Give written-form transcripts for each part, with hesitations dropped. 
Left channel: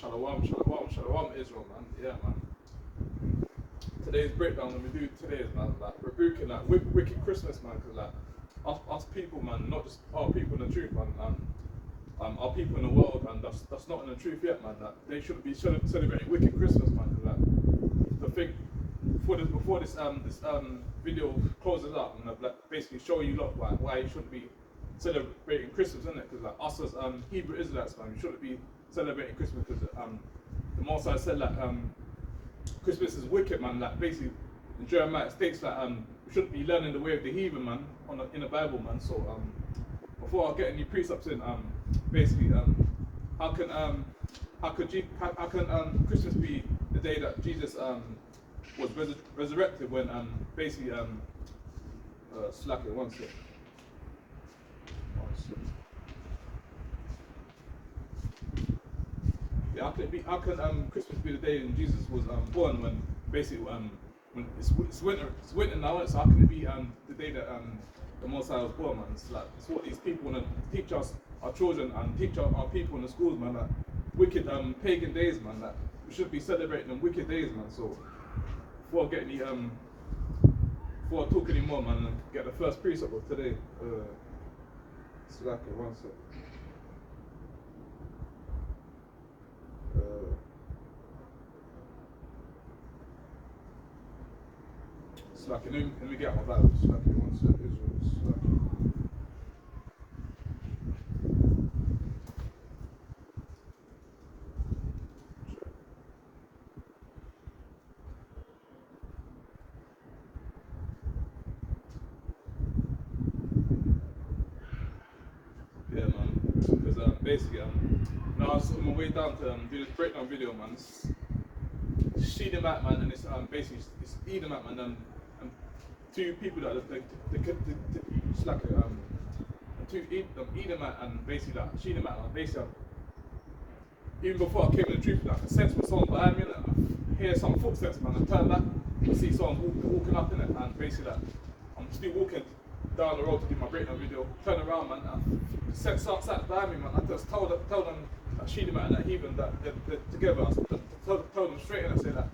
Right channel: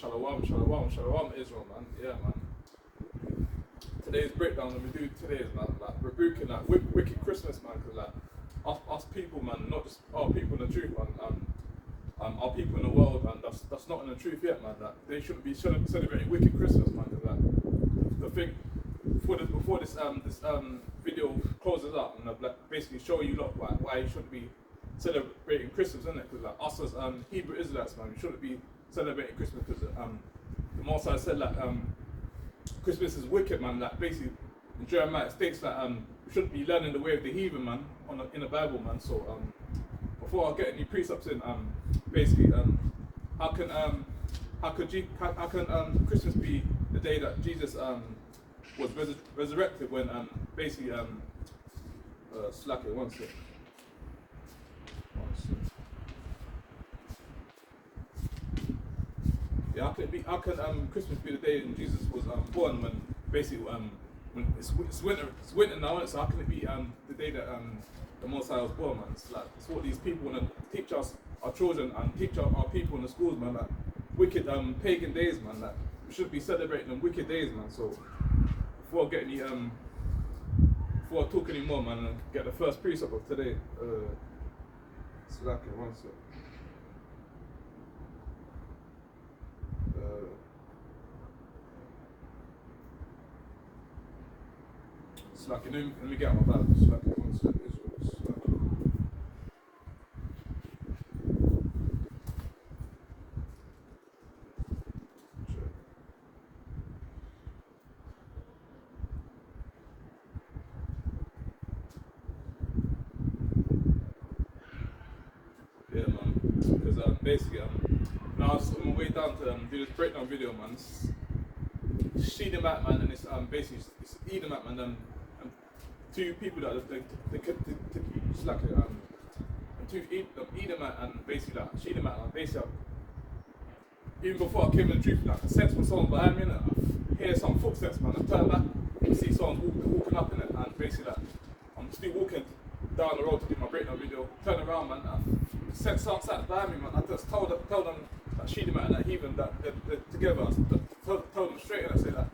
Shalom, Israel, man. Yeah, man. Today's breakdown that we do today is, man, like rebuking that wicked Christmas, man, because like us people, man, not just our people in the truth, man, our people in the world, man, that's not in the truth yet, man. That they shouldn't be celebrating wicked Christmas, man, because like the thing before this video closes up, and I've like basically show you lot why you shouldn't be celebrating Christmas, isn't it? Because like us as Hebrew Israelites, man, we shouldn't be celebrating Christmas because the Most High said like Christmas is wicked, man. Like basically, in Jeremiah it states that we shouldn't be learning the way of the heathen, man, in the Bible, man. So before I get any precepts in, basically, how can Christmas be the day that Jesus was resurrected when basically slack it one sec. Yeah, how can Christmas be the day when Jesus was born, when basically when it's winter now, so how can it be the day that the Most High was born, man? It's like it's what these people want to teach us, our children, and teach our people in the schools, man. Like wicked pagan days, man. Like we should be celebrating them wicked days, man. So before I talk anymore, man, I get the first precept of today. Slack it one sec. Slack it. Let me get my Bible. Slack it one sec. Israel. Slack it. Yeah, man. Because basically, now I was on my way down to do this breakdown video, man. It's Sheedamat, man, and it's basically it's Edomite, man, and two people that slack it, and two Edomite and basically that Sheedamat, and basically even before I came in the truth, like I sense when someone behind me, and I hear some footsteps, man. I turn back and see someone walking up in it, and basically that I'm still walking down the road to do my breakdown video, turn around, man, I sense outside behind me, man. I just tell them that Sheedamat and that heathen that they're together. Tell them straight, and I say that.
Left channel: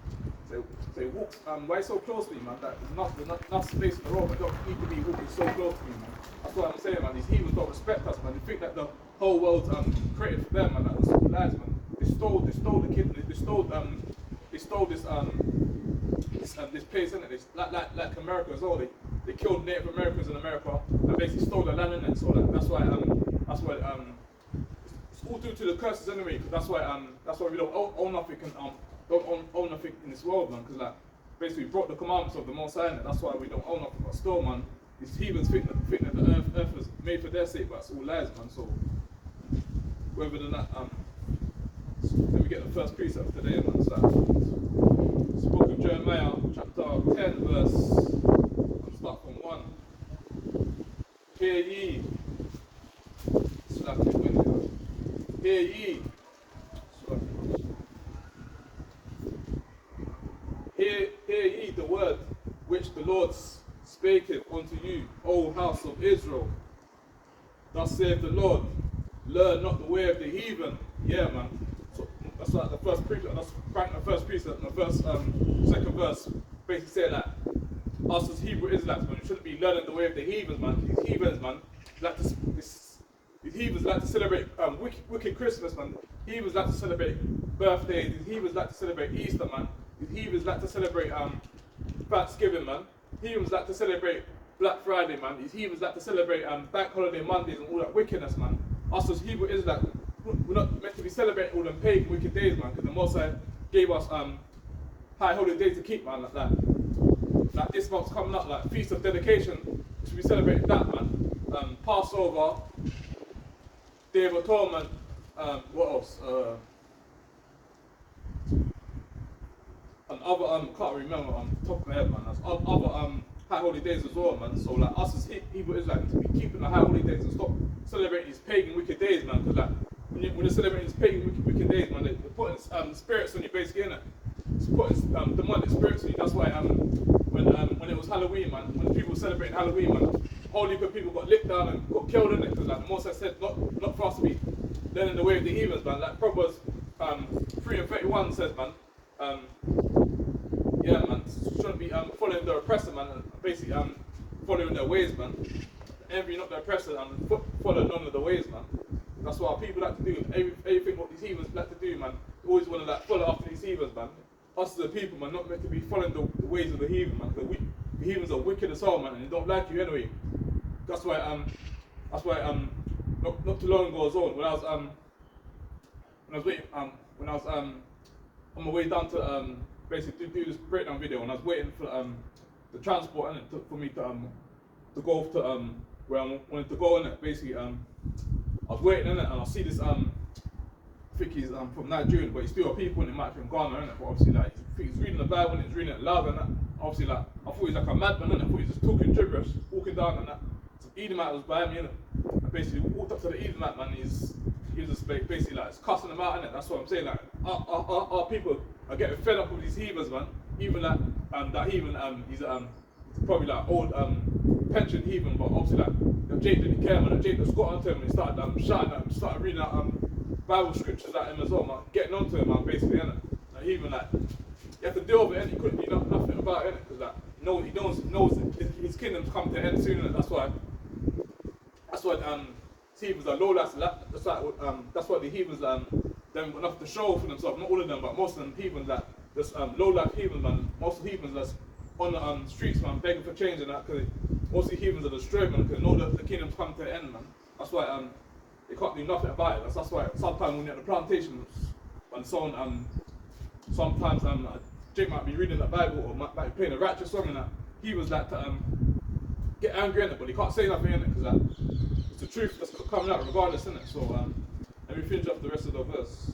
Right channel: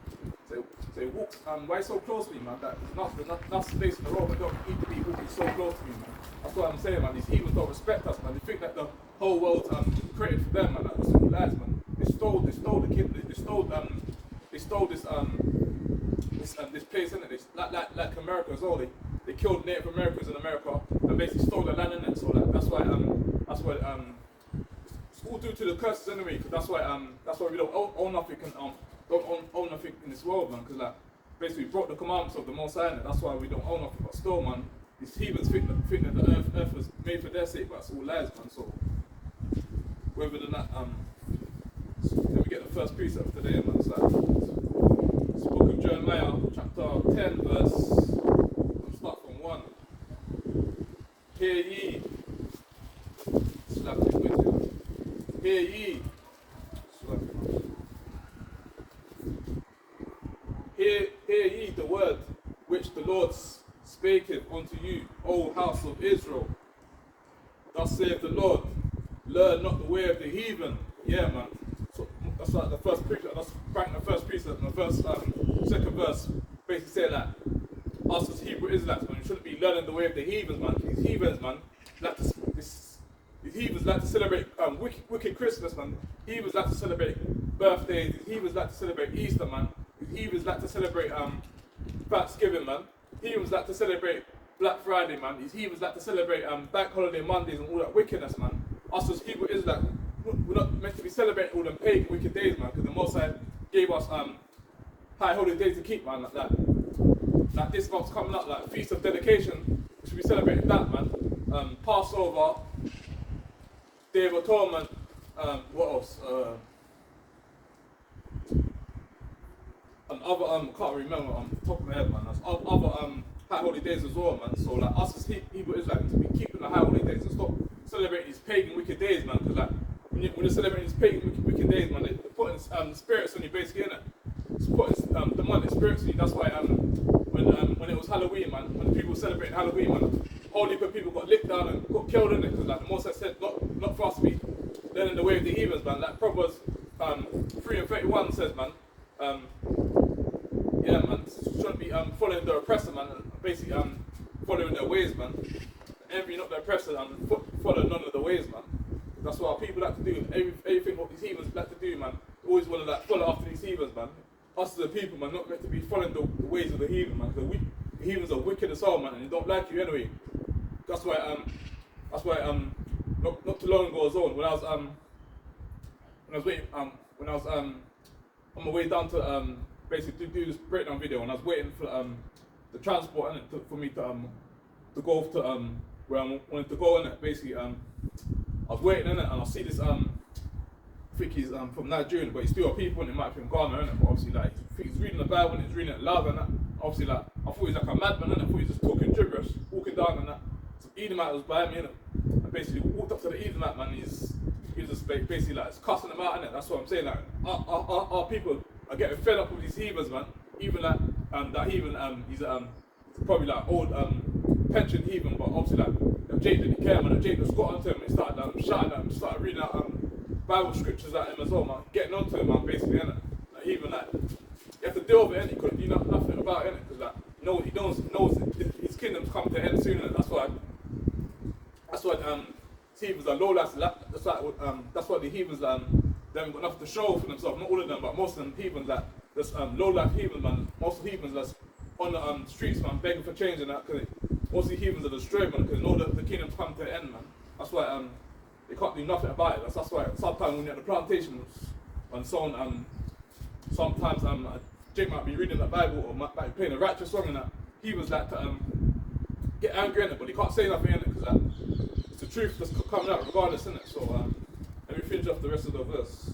Say walk, why so close to me, man? That there's not enough space in the road. We don't need to be walking so close to me, man. That's what I'm saying, man. These heathens don't respect us, man. They think that the whole world's created for them, man. That was all lies, man. They stole the kid. They stole this place, innit? This like America as well. They killed Native Americans in America and basically stole the land, innit? So that's why it's all due to the curses anyway. Because that's why we don't own nothing don't own nothing in this world, man. Because like basically we broke the commandments of the Most High, innit? That's why we don't own nothing. But still, man, these heathens think that the earth was made for their sake, but it's all lies, man. So whether than that, can we get the first precept today, man? It's like it's the book of Jeremiah, chapter 10, verse. I'll start from 1. Hear ye. Slap it with you. Hear ye. Slap it. Hear ye the word which the Lord spaketh unto you, O house of Israel. Thus saith the Lord, learn not the way of the heathen. Yeah, man. So that's like the first precept. That's the first precept. And the first, second verse basically saying that us as Hebrew Israelites, man, we shouldn't be learning the way of the heathens, man. These heathens, man, these heathens like to celebrate wicked Christmas, man. Heathens like to celebrate birthdays. These heathens like to celebrate Easter, man. These heathens like to celebrate Thanksgiving, man. Heathens like to celebrate Black Friday, man. These heathens like to celebrate Bank Holiday Mondays and all that wickedness, man. Us as Hebrew Israelites, we're not meant to be celebrating all them pagan wicked days, man, because the Most High gave us high holy days to keep, man, like that. Like this month's coming up, like Feast of Dedication, we should be celebrating that, man. Passover, Day of Atonement, what else? And other can't remember top of my head, man. There's other high holy days as well, man. So like us as Hebrew Israelites, to be keeping the high holy days and stop celebrating these pagan wicked days, man. Because like when you're celebrating these pagan wicked days, man, they're putting spirits on you, basically, innit? It's putting demonic spirits on you. That's why when it was Halloween, man, when the people were celebrating Halloween, man, a whole heap of people got licked down and got killed, innit? Because like the Most High said, not for us to be learning the way of the heathens, man. Like Proverbs 3:31 says, man, yeah, man, shouldn't be following the oppressor, man, basically following their ways, man. Envy not the oppressor and follow none of the ways, man. That's what our people like to do. Everything what these heathens like to do, man. Always want to like follow after these heathens, man. Us as a people, man, not meant to be following the ways of the heathen, man. Because the heathens are wicked as hell, man, and they don't like you anyway. That's why not too long ago as well, when I was on my way down to basically do this breakdown video, and I was waiting for the transport for me to go to where I wanted to go in it. Basically, I was waiting in it, and I see this I think he's from Nigeria, but he's still a people, and he might be from Ghana, innit? But obviously, like he's reading the Bible and he's reading it loud, and that. Obviously, like I thought he's like a madman, innit? I thought he was just talking gibberish, walking down, and that. Some Edomite was behind me, innit? And basically walked up to the Edomite, man. He was just basically like cussing them out, innit? That's what I'm saying. Like our people are getting fed up with these heathens, man. Even that heathen, he's probably like old pension heathen, but obviously like Jake didn't care, man. And Jake just got onto him and he started shouting at him, started reading out Bible scriptures at him as well, man. Getting onto him, man, basically, innit? Like heathen, like you have to deal with it, and he couldn't do nothing about it, innit? Because like he knows his kingdom's coming to an end soon, innit? That's why heathens are low life. That's why the heathens they haven't got enough to show for themselves. Not all of them, but most of them heathens that just low life heathens, man. Most of the heathens that's on the streets, man, begging for change and that, because most of the heathens are destroyed, man, because they know that the kingdom's coming to an end, man. That's why they can't do nothing about it. That's why sometimes when you're at the plantation, when someone sometimes Jake might be reading the Bible or might be playing a righteous song and that, he was like to get angry in it, but he can't say nothing in it because it's the truth that's coming out regardless, in it. So let me finish off the rest of the verse.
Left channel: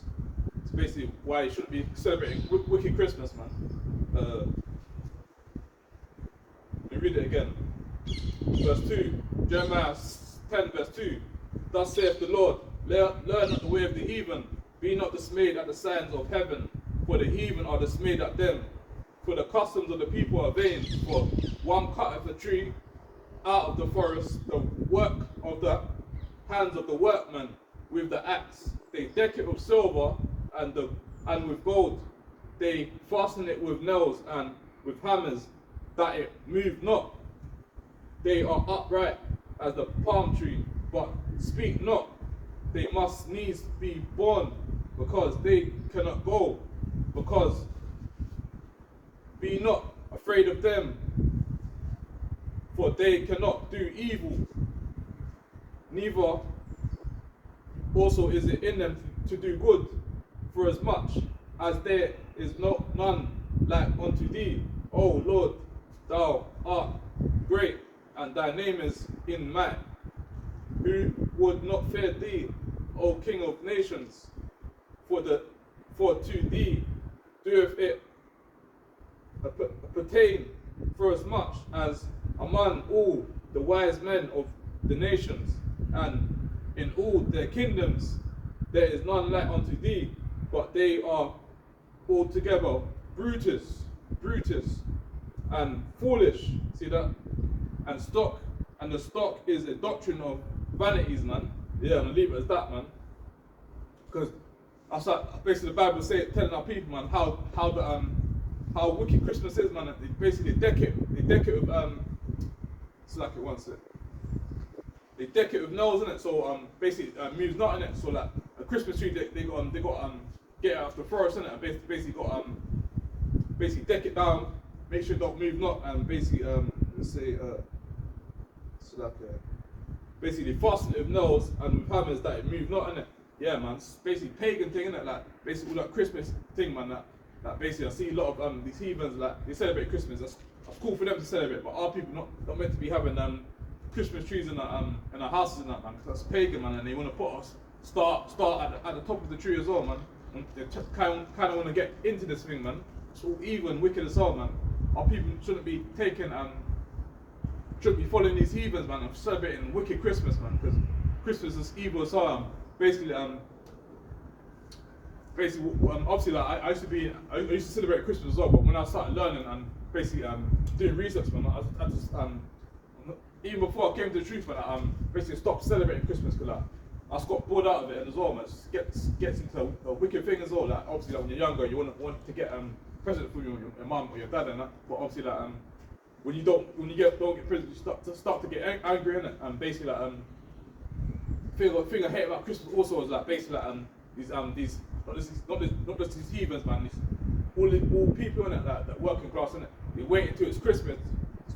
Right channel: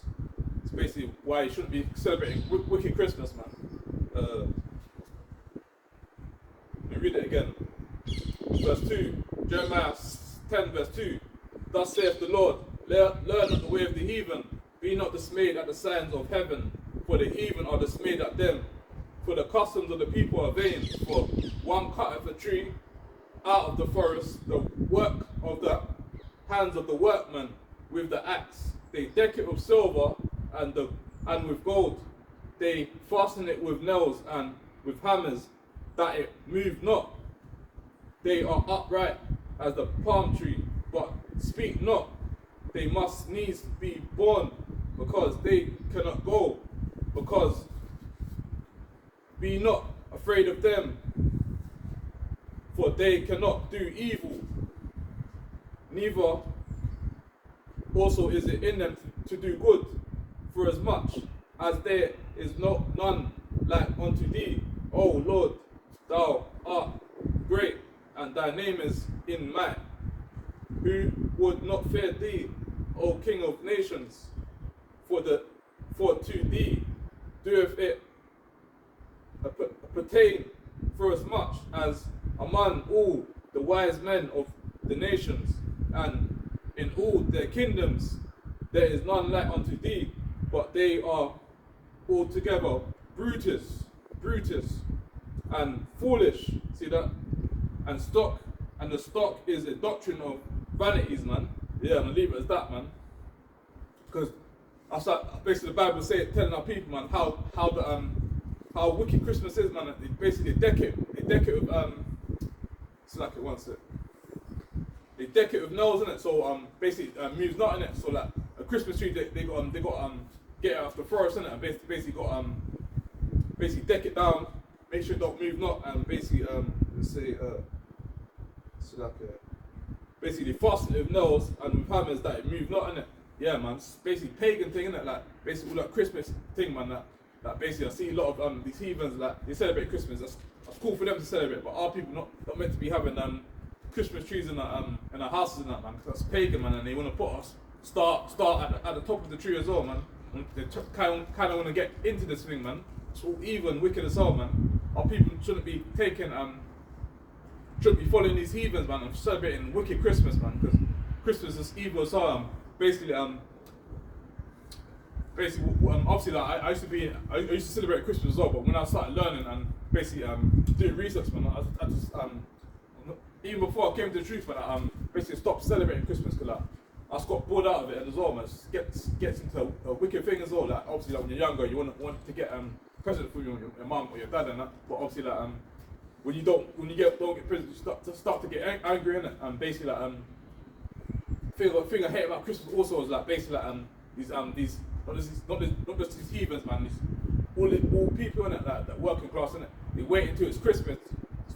It's basically why you shouldn't be celebrating wicked Christmas, man. Let me read it again. Verse 2, Jeremiah 10 verse 2. Thus saith the Lord, learn not the way of the heathen, be not dismayed at the signs of heaven, for the heathen are dismayed at them. For the customs of the people are vain, for one cutteth a tree out of the forest, the work of the hands of the workman with the axe. They deck it with silver and with gold. They fasten it with nails and with hammers, that it move not. They are upright as the palm tree, but speak not. They must needs be born, because they cannot go. Because be not afraid of them, for they cannot do evil, neither also is it in them to do good, for as much as there is none like unto thee, O Lord. Thou art great, and thy name is in might. Who would not fear thee, O King of nations? For to thee doeth it pertain, for as much as among all the wise men of the nations, and in all their kingdoms there is none like unto thee, but they are altogether Brutus, and foolish. See that? And the stock is a doctrine of vanities, man. Yeah, I'm gonna leave it as that, man. Because that's like basically the Bible telling our people, man, how wicked Christmas is, man. They basically deck it with slack it once it. They deck it with nails in it, so basically moves not in it. So like a Christmas tree, they got get it out of the forest in it, and basically got basically deck it down, make sure it don't move not, and basically let's say so like basically fasten it with nails and with hammers that it move not in it. Yeah, man, it's basically pagan thing, innit? Like basically all that Christmas thing, man. That basically I see a lot of these heathens, like they celebrate Christmas. That's cool for them to celebrate, but our people not meant to be having Christmas trees in our houses and that, man. Because that's pagan, man, and they want to put us start at the top of the tree as well, man. And they kind of want to get into this thing, man. It's all evil and wicked as well, man. Our people shouldn't be shouldn't be following these heathens, man, and celebrating wicked Christmas, man. Because Christmas is evil as well. Basically, obviously, like I used to celebrate Christmas as well. But when I started learning and basically doing research, man, I just even before I came to the truth, man, I basically stopped celebrating Christmas because I just got bored out of it as well, man. It gets into a wicked thing as well. Like obviously, like when you're younger, you want to get present for your mum or your dad and that. But obviously, like when you don't get present, you start to get angry in it. And basically, like thing I hate about Christmas also is like basically like these not just these heathens, man. All people in it that working class in it. They wait until it's Christmas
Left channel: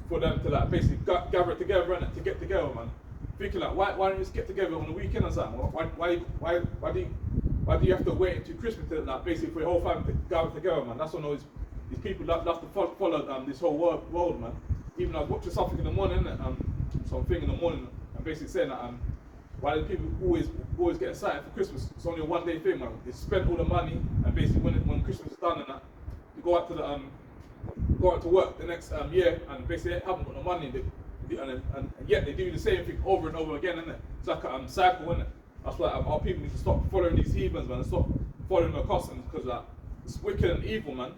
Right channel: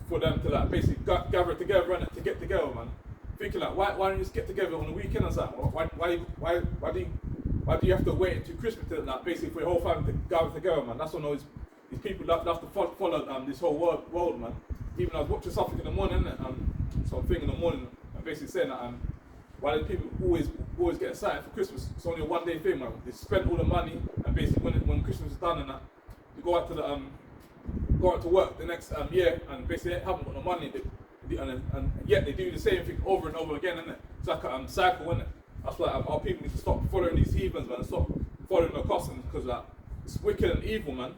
for them to like basically gather together and to get together, man. Thinking like why don't you just get together on the weekend or something? Why do you have to wait until Christmas to like basically for your whole family to gather together, man? That's when these people love to follow this whole world, man. Even I was watching something in the morning, something in the morning, and basically saying that why do people always get excited for Christmas? It's only a one-day thing, man. They spend all the money, and basically when Christmas is done and that, you go out to work the next year, and basically they haven't got the money. And yet they do the same thing over and over again, innit? It's like a cycle, innit? That's why our people need to stop following these heathens, man, and stop following the customs, because like it's wicked and evil, man.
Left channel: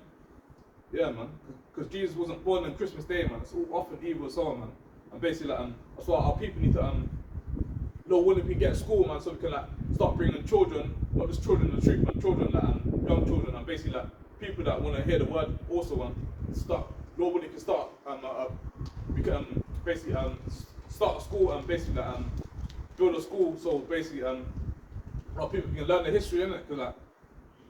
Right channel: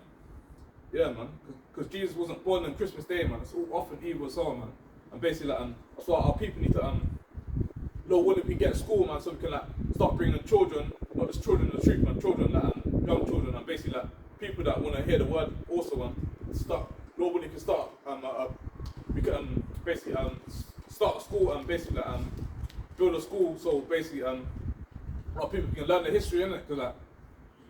Yeah, man. Because Jesus wasn't born on Christmas Day, man. It's all often evil as well, man. And basically, like, that's why our people need to Lord willing, we get to school, man, so we can like start bringing children, not just children in the street, but children that young children, and basically like people that want to hear the word also, man. Start, Lord willing, can start we can basically start a school and basically like, build a school so basically our people can learn the history, innit? Because like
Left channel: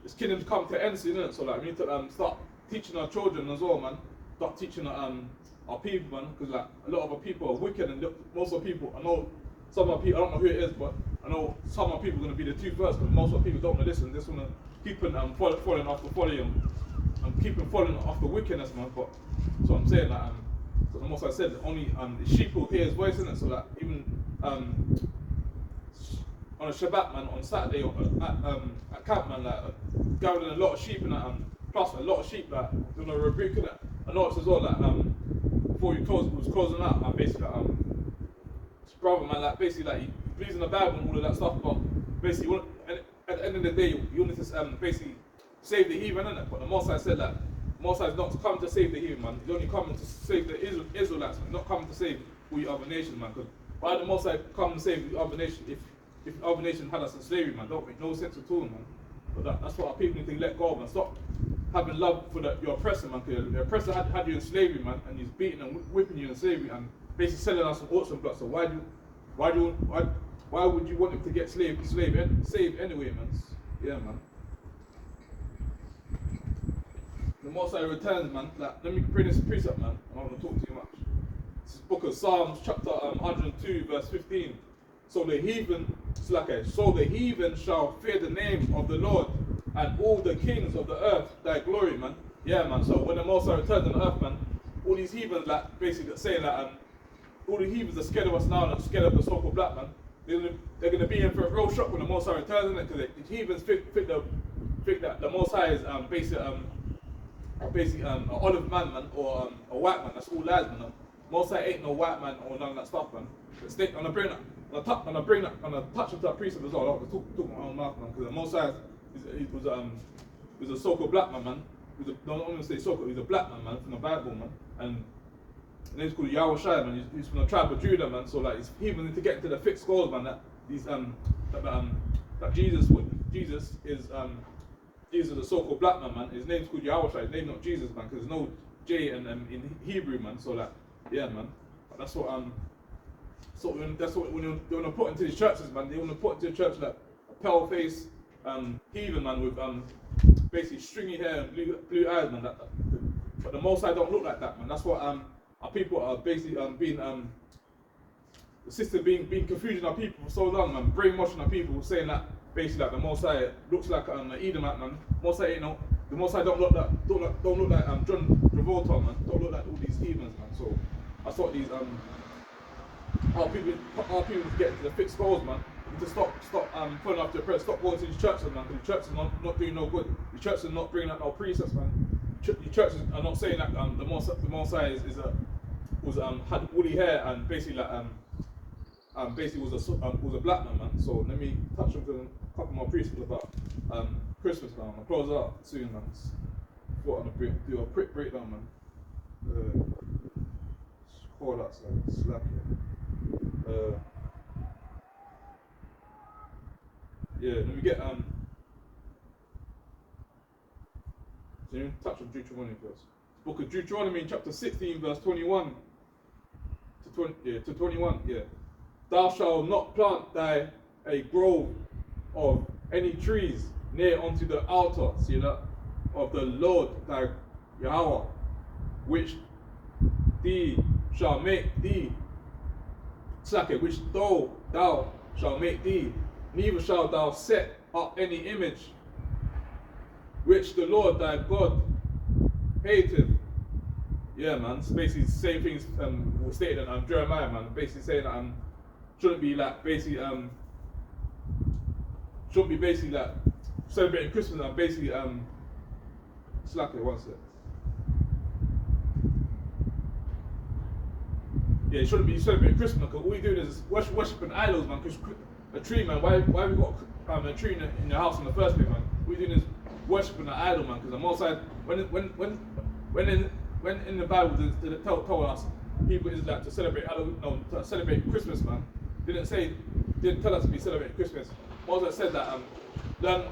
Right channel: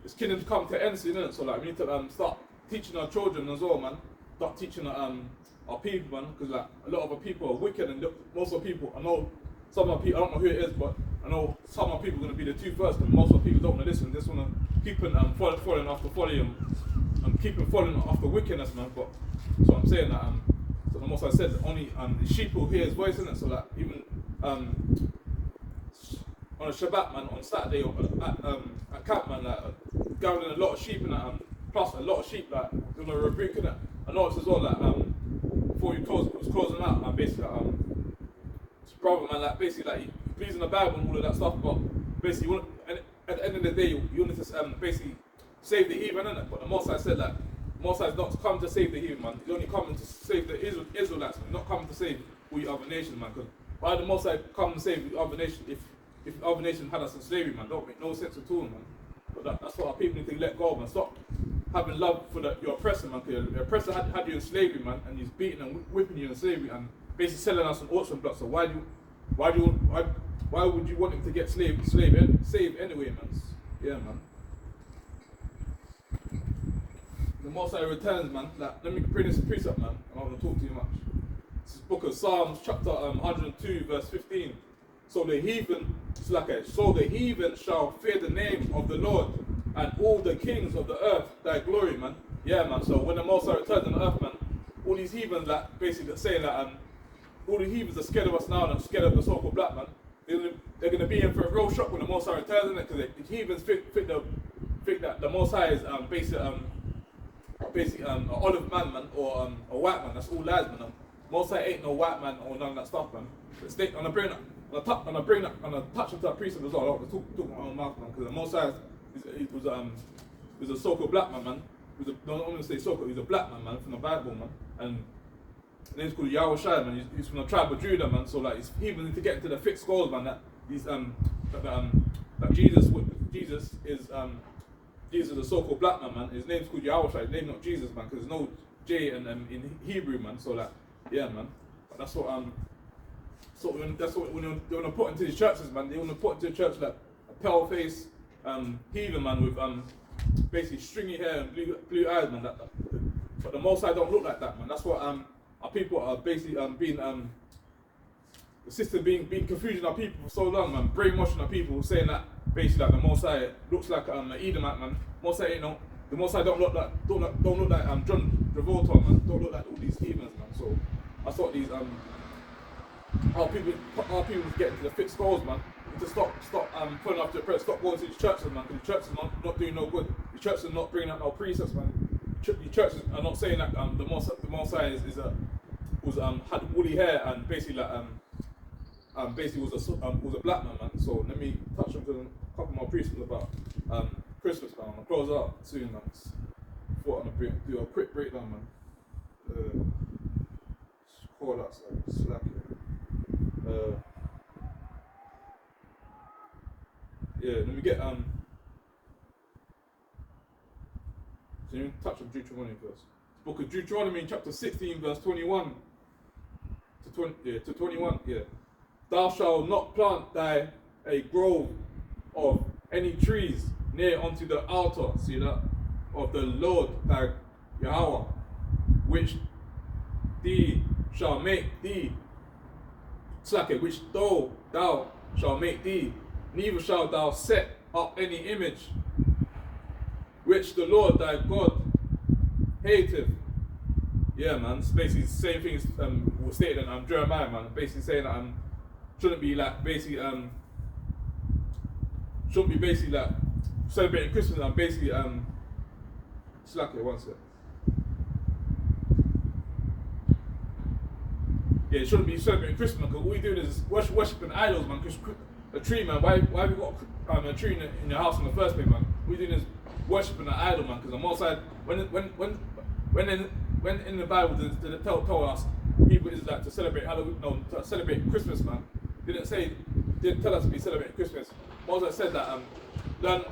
this kingdom's come to end soon, innit? So like we need to start teaching our children as well, man. Start teaching our people, man, because like a lot of our people are wicked, and most of the people, I know some of our people, I don't know who it is, but I know some of our people are going to be the two first, but most of our people don't want to listen. They just want to keep following after following and keep following after wickedness, man. But so I'm saying that so the most I said, only the sheep will hear his voice, innit? So that even on a Shabbat, man, on Saturday or at camp, man, like gathering a lot of sheep and that, plus a lot of sheep that they're gonna rebuke, innit? I noticed as well that before was closing out, man, basically brother, man, like basically like he believes in the Bible and all of that stuff, but basically at the end of the day you want to basically save the heathen, innit? But the Most High said that Most High is not come to save the heathen, man. He's only coming to save the Israelites, man. Not coming to save all the other nations, man. Because why the Most High come to save the other nation if the other nation had us in slavery, man? Don't make no sense at all, man. But that's what our people need to let go of, man. Stop having love for your oppressor, man. Because the oppressor had you in slavery, man, and he's beating and whipping you in slavery and basically selling us an auction block. So why would you want him to get saved anyway, man? Yeah, man. The Most High returns, man. Like, let me bring this precept, man. I don't want to talk too much. This is book of Psalms, chapter 102, verse 15. So the heathen shall fear the name of the Lord, and all the kings of the earth thy glory, man. Yeah, man. So when the Most High returns on earth, man, all these heathens that basically saying that all the heathens are scared of us now and scared of the so-called black man. They're gonna be in for a real shock when the Most High returns, isn't it? Because the heathens think that the Most High is basically an olive man, or a white man. That's all lies, man. Most High ain't no white man or none of that stuff, man. But I'm gonna touch into that precept as well. I don't want to talk my own mouth, man, because the Most High was a so-called black man. Don't want to say so-called. He's a black man, from the Bible, man, and his name's called Yahweh Shai, man. He's from the tribe of Judah, man. So like, he even need to get into the thick scrolls, man. That Jesus is a so-called black man. His name's called Yahweh Shai. His name's not Jesus, man, because there's no J in Hebrew, man. So like, yeah, man. But that's what when you want to put into these churches, man. They want to put into a church like a pale-faced heathen, man, with basically stringy hair and blue eyes, man. But the Most High don't look like that, man. That's what our people are basically being the system being confusing our people for so long, man, brainwashing our people, saying that basically like the Most High looks like an Edomite, man. Most High, the Most High don't look like John Travolta, man. Don't look like all these heathens, man. So I thought these our people need to get into the thick skulls, man. Need to stop pulling after the press, stop going to these churches, man, because the churches are not doing no good. The churches are not bringing out no precepts, man. The churches are not saying that the Most High had woolly hair and basically like basically was a black man. So let me touch on a couple more precepts about Christmas, man. I'll close out soon, man. Thought I'm gonna do a quick breakdown, man. Call that slack here. let me get so let me touch on Deuteronomy first. Book of Deuteronomy, chapter 16, verse 21 to 21. Yeah. Thou shalt not plant a grove of any trees near unto the altar, see that, of the Lord thy Yahweh, which thee shall make thee, which thou shalt make thee, neither shalt thou set up any image which the Lord thy God hateth. Yeah, man. It's basically the same things was stated in Jeremiah, man. Basically saying that shouldn't be like celebrating Christmas and basically slack it one sec. Yeah, you shouldn't be celebrating Christmas because all you're doing is worshiping idols, man. Because a tree, man. Why have we got a tree in your house in the first place, man? All you're doing is worshiping an idol, man. Because on one side, when in the Bible they tell us people is like to celebrate Halloween, no, to celebrate Christmas, man. Didn't tell us to be celebrating Christmas. Moses said that learn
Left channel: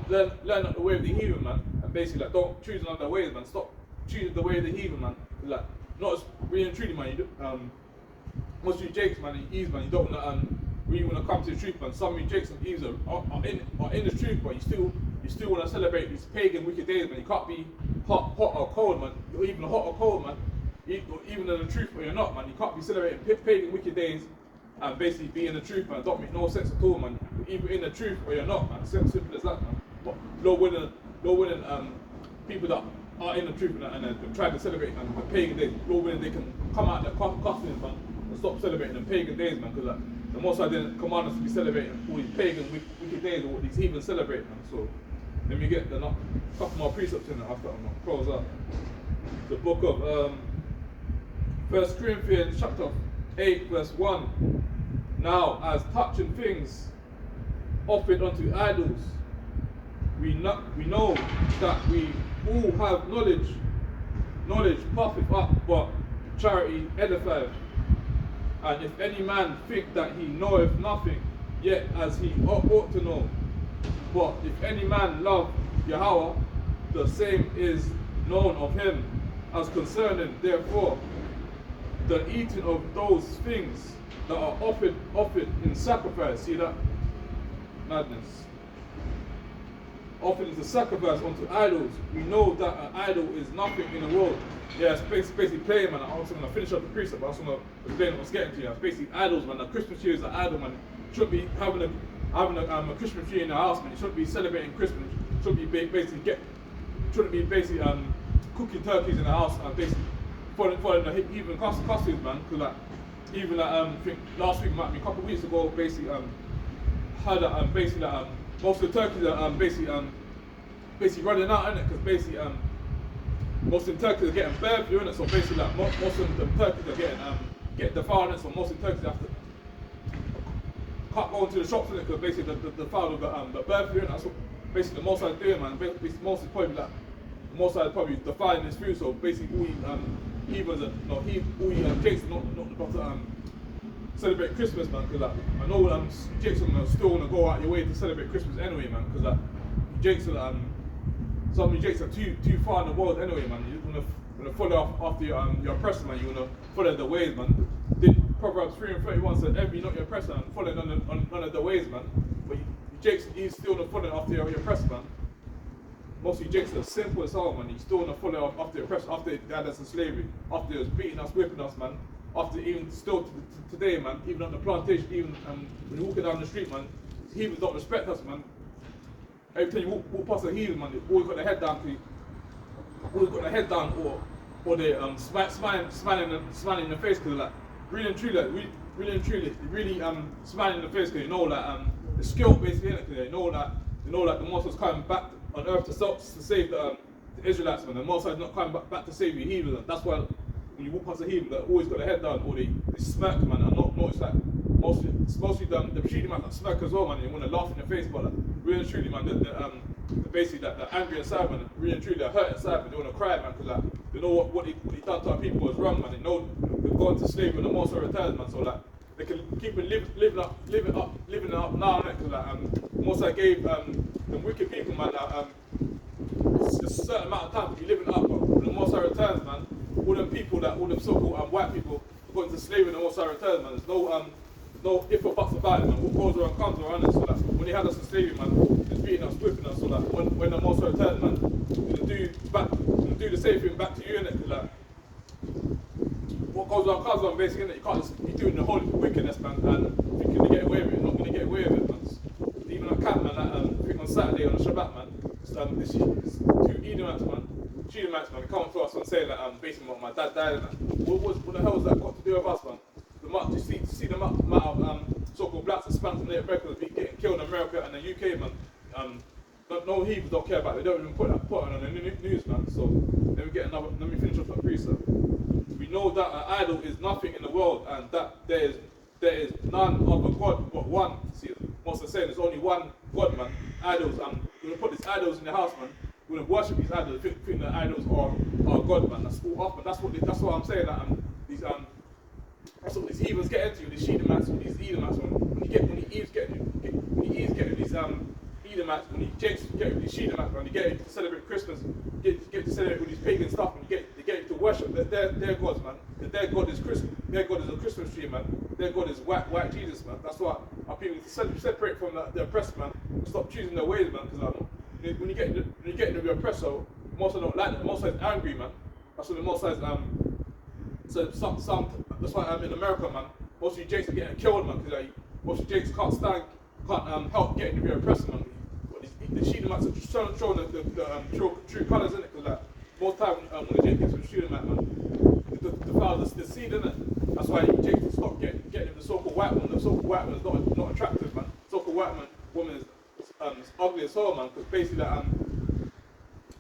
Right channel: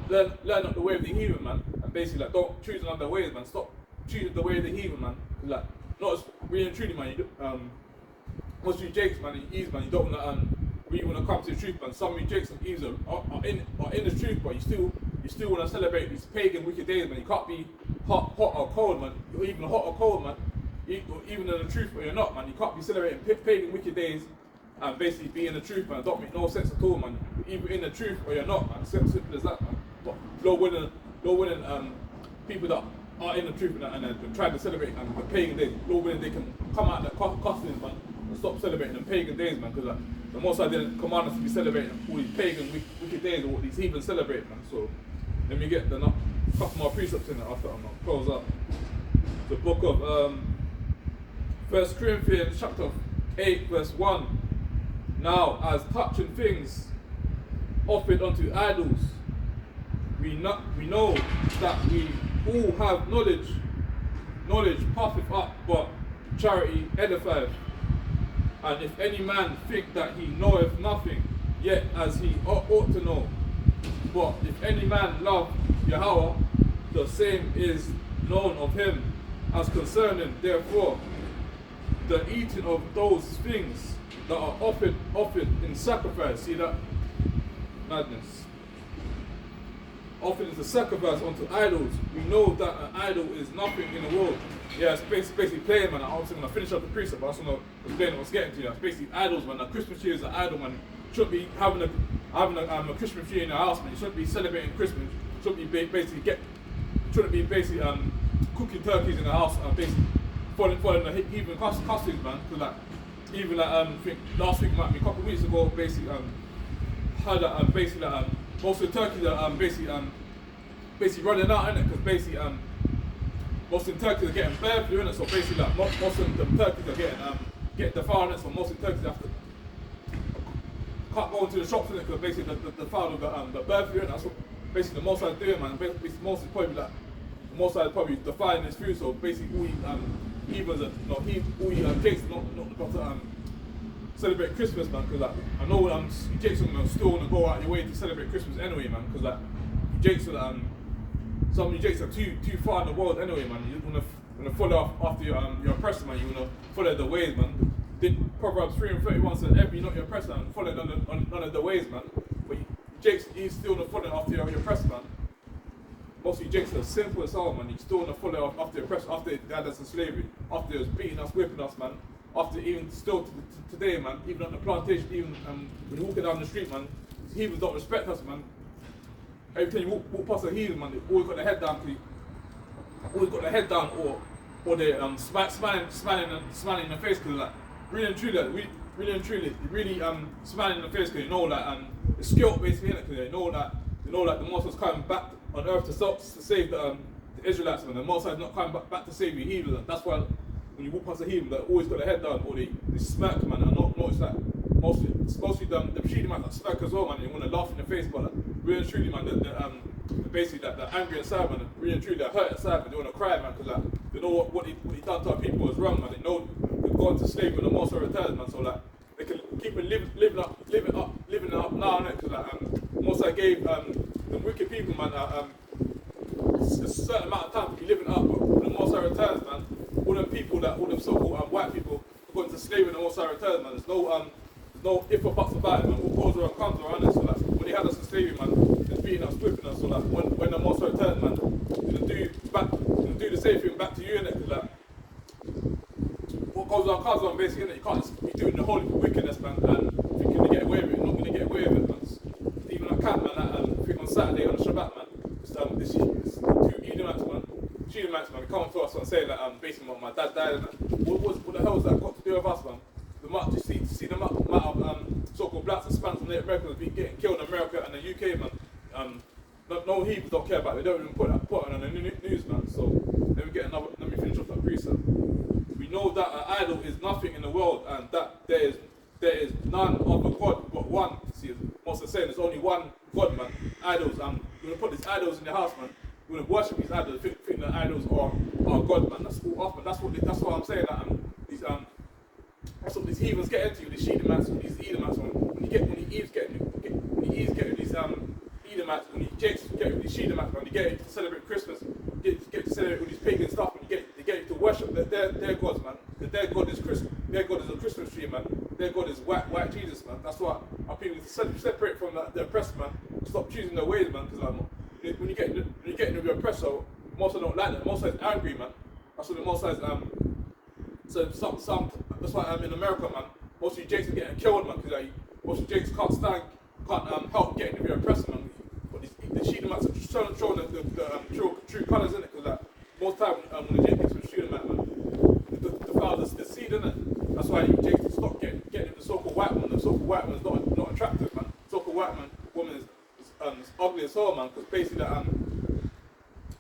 not the way of the heathen, man, and basically like don't choose another ways, man. Stop choosing the way of the heathen, man. Like not as really and truly, man. Most of you Jakes, man, and Eves, man, you don't really want to come to the truth, man. Some of you Jakes and Eves are in the truth, but you still want to celebrate these pagan wicked days, man. You can't be hot or cold, man. You're even hot or cold, man. Even in the truth or you're not, man. You can't be celebrating pagan wicked days and basically be in the truth, man. It don't make no sense at all, man. You're either in the truth or you're not, man. Simple as that, man. But Lord willing, people that are in the truth and try to celebrate the pagan days, Lord willing, they can come out of that costume, man, and stop celebrating the pagan days, man. Because the Most High didn't command us to be celebrating all these pagan wicked days or what these heathen celebrate, man. So let me get a couple more precepts in it after I'm close up. The book of 1 Corinthians chapter 8 verse 1. Now as touching things offered unto idols, we know that we all have knowledge. Knowledge puffeth up, but charity edifieth. And if any man think that he knoweth nothing, yet as he ought to know. But if any man love Yahweh, the same is known of him. As concerning, therefore, the eating of those things that are offered in sacrifice. See that? Madness. Offered as a sacrifice unto idols. We know that an idol is nothing in the world. Yeah, it's basically playing, man. I'm also going to finish up the precept, but I just want to explain what I was getting to. It's basically idols, man. A Christmas tree is an idol, man. You shouldn't be having a Christmas tree in your house, man. You shouldn't be celebrating Christmas. You shouldn't be basically cooking turkeys in the house and basically following the heathen costumes, man. Because like even like I think last week, might be a couple of weeks ago, basically had most of the turkeys are basically running out, innit? Because basically most of the turkeys are getting bird flu, innit? So basically like most of the turkeys are getting defiled, innit? So most of the turkeys can't go into the shops, innit? Because basically the foul of the bird flu, innit? That's what basically the most I'm doing, man. Basically most is probably like the most I'm probably defiling his food. So basically all Jakes not to celebrate Christmas, man. Because like I know Jakes are still gonna go out your way to celebrate Christmas anyway, man. Because like Jakes are some of you Jakes are too far in the world anyway, man. You wanna follow after your oppressor, man. You wanna follow the ways, man. Proverbs 3:31 said, "Envy not your oppressor, and follow none of the ways, man." But Jakes, he's still gonna follow after your oppressor, man. Most of you Jakes are simple as hell, man. You still want to follow after the oppressor, after they had us in slavery, after they was beating us, whipping us, man. After even still today, man, even on the plantation, even when you're walking down the street, man, heathens don't respect us, man. Every time you walk past a heathen, man, they always got their head down, or they smiling in the face, because like really and truly, smiling in the face, because you know like it's guilt basically, innit? Because they know that the Most was coming back on earth to save the Israelites, man. The Most is not coming back to save the heathen. That's why when you walk past a heathen, they always got their head down, or they smack, man. And not notice that mostly the Rashidi man that smack as well, man. You want to laugh in the face, but like, really and truly, man, basically the angry inside, man. Really and truly, they're hurt inside, man. They want to cry, man, because like they know what he done to our people was wrong, man. They know they're going to slavery when the Most returns, man. So like they can keep living up now, innit? Because like Most I gave the wicked people, man, a certain amount of time to be living up. When the Most High returns, man, all them people all them so-called white people going to slavery when the Most High returns, man. There's no if or buts about it, man. What goes around comes around. So that when they had us in slavery, man, they're beating us, whipping us. So that when the Most High returns, man, they'll do the same thing back to you, innit? Because that what goes on comes on, basically, innit? You can't just be doing the whole wickedness, man, and thinking to get away with it. You're not going to get away with it, man. Even a cat, man, I think on Saturday on the Shabbat, man, this two Edomites, man, Edomites, man, they come to us and say that basically my dad died, man. What the hell has that got to do with us, man? You see the amount of so-called blacks and Spanish and Native Americans getting killed in America and the UK, man. No heathens don't care about it. They don't even put it on the news, man. So let me finish off that precept. We know that an idol is nothing in the world, and that there is none other God but one. See, Moses saying there's only one God, man. Idols, we're gonna put these idols in your house, man. We're gonna worship these idols, think that idols are God, man. That's all off, man. That's what I'm saying. That that's what these heathens get into. These Edomites, these Edomites, man. When he Eve's getting these Edomites, when he Jake's getting these Edomites, man, they get to celebrate Christmas, get to celebrate all these pagan stuff, and they get to worship their gods, man. Because their God is Christmas. Their God is a Christmas tree, man. Their God is white Jesus, man. That's why our people separate from the oppressed, man. Stop choosing their ways, man. Because when you get into the oppressor, most of them don't like them. Most of them angry, man. That's what the most of so that's why in America, man, most of you Jakes are getting killed, man, because most of you Jakes can't help getting the oppressor, man. But the Edomites are showing the true colours, in it, because most time when the Jakes are shooting that, man, the father's the seed, in it. That's why you Jakes stop getting the so-called white woman. The so-called white woman is not attractive, man. So-called white woman is ugly as hell, man, because basically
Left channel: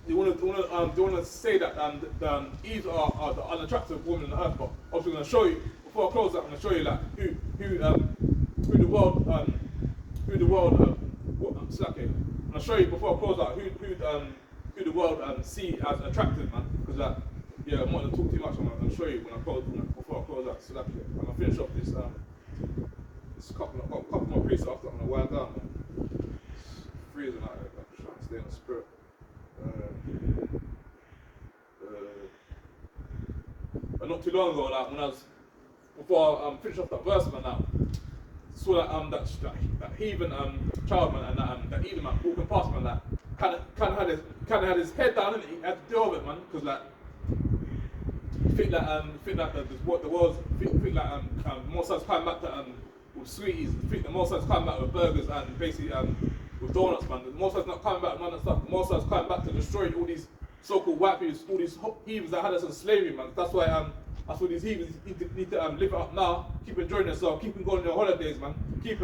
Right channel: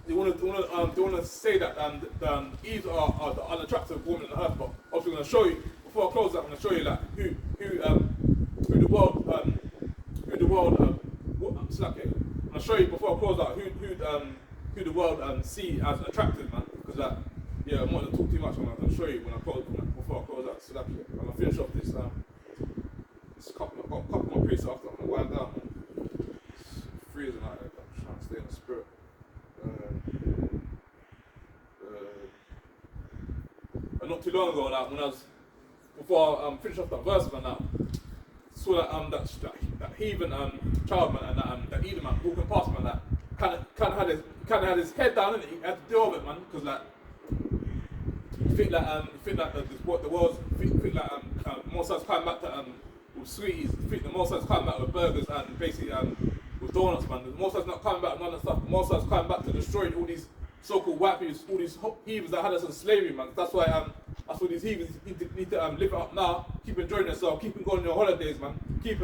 they want to say that Eve are the unattractive woman on earth, but also I'm going to show you before I close that. I'm going to show you like who the world I'm going to show you before I close out who the world see as attractive, man. Because I'm not going to talk too much. I'm going to show you before I close out. So I'm going to finish off this couple more priests after I'm going to wind down, man. It's freezing out here. I'm trying to stay in the spirit. Not too long ago, like when I was before I finished off that verse, man, saw that heathen child, man, and that Edomite walking past, man, that kind of had his head down, and he had to deal with it, man, because like think that what the world's think that Moses coming back to with sweeties, think that Moses coming back with burgers and basically with donuts, man. Moses not coming back with none of that stuff. Moses coming back to destroy all these so-called white people, all these heathens that had us in slavery, man. That's why these heathens need to live it up now, keep enjoying themselves, keep going on your holidays, man. Keep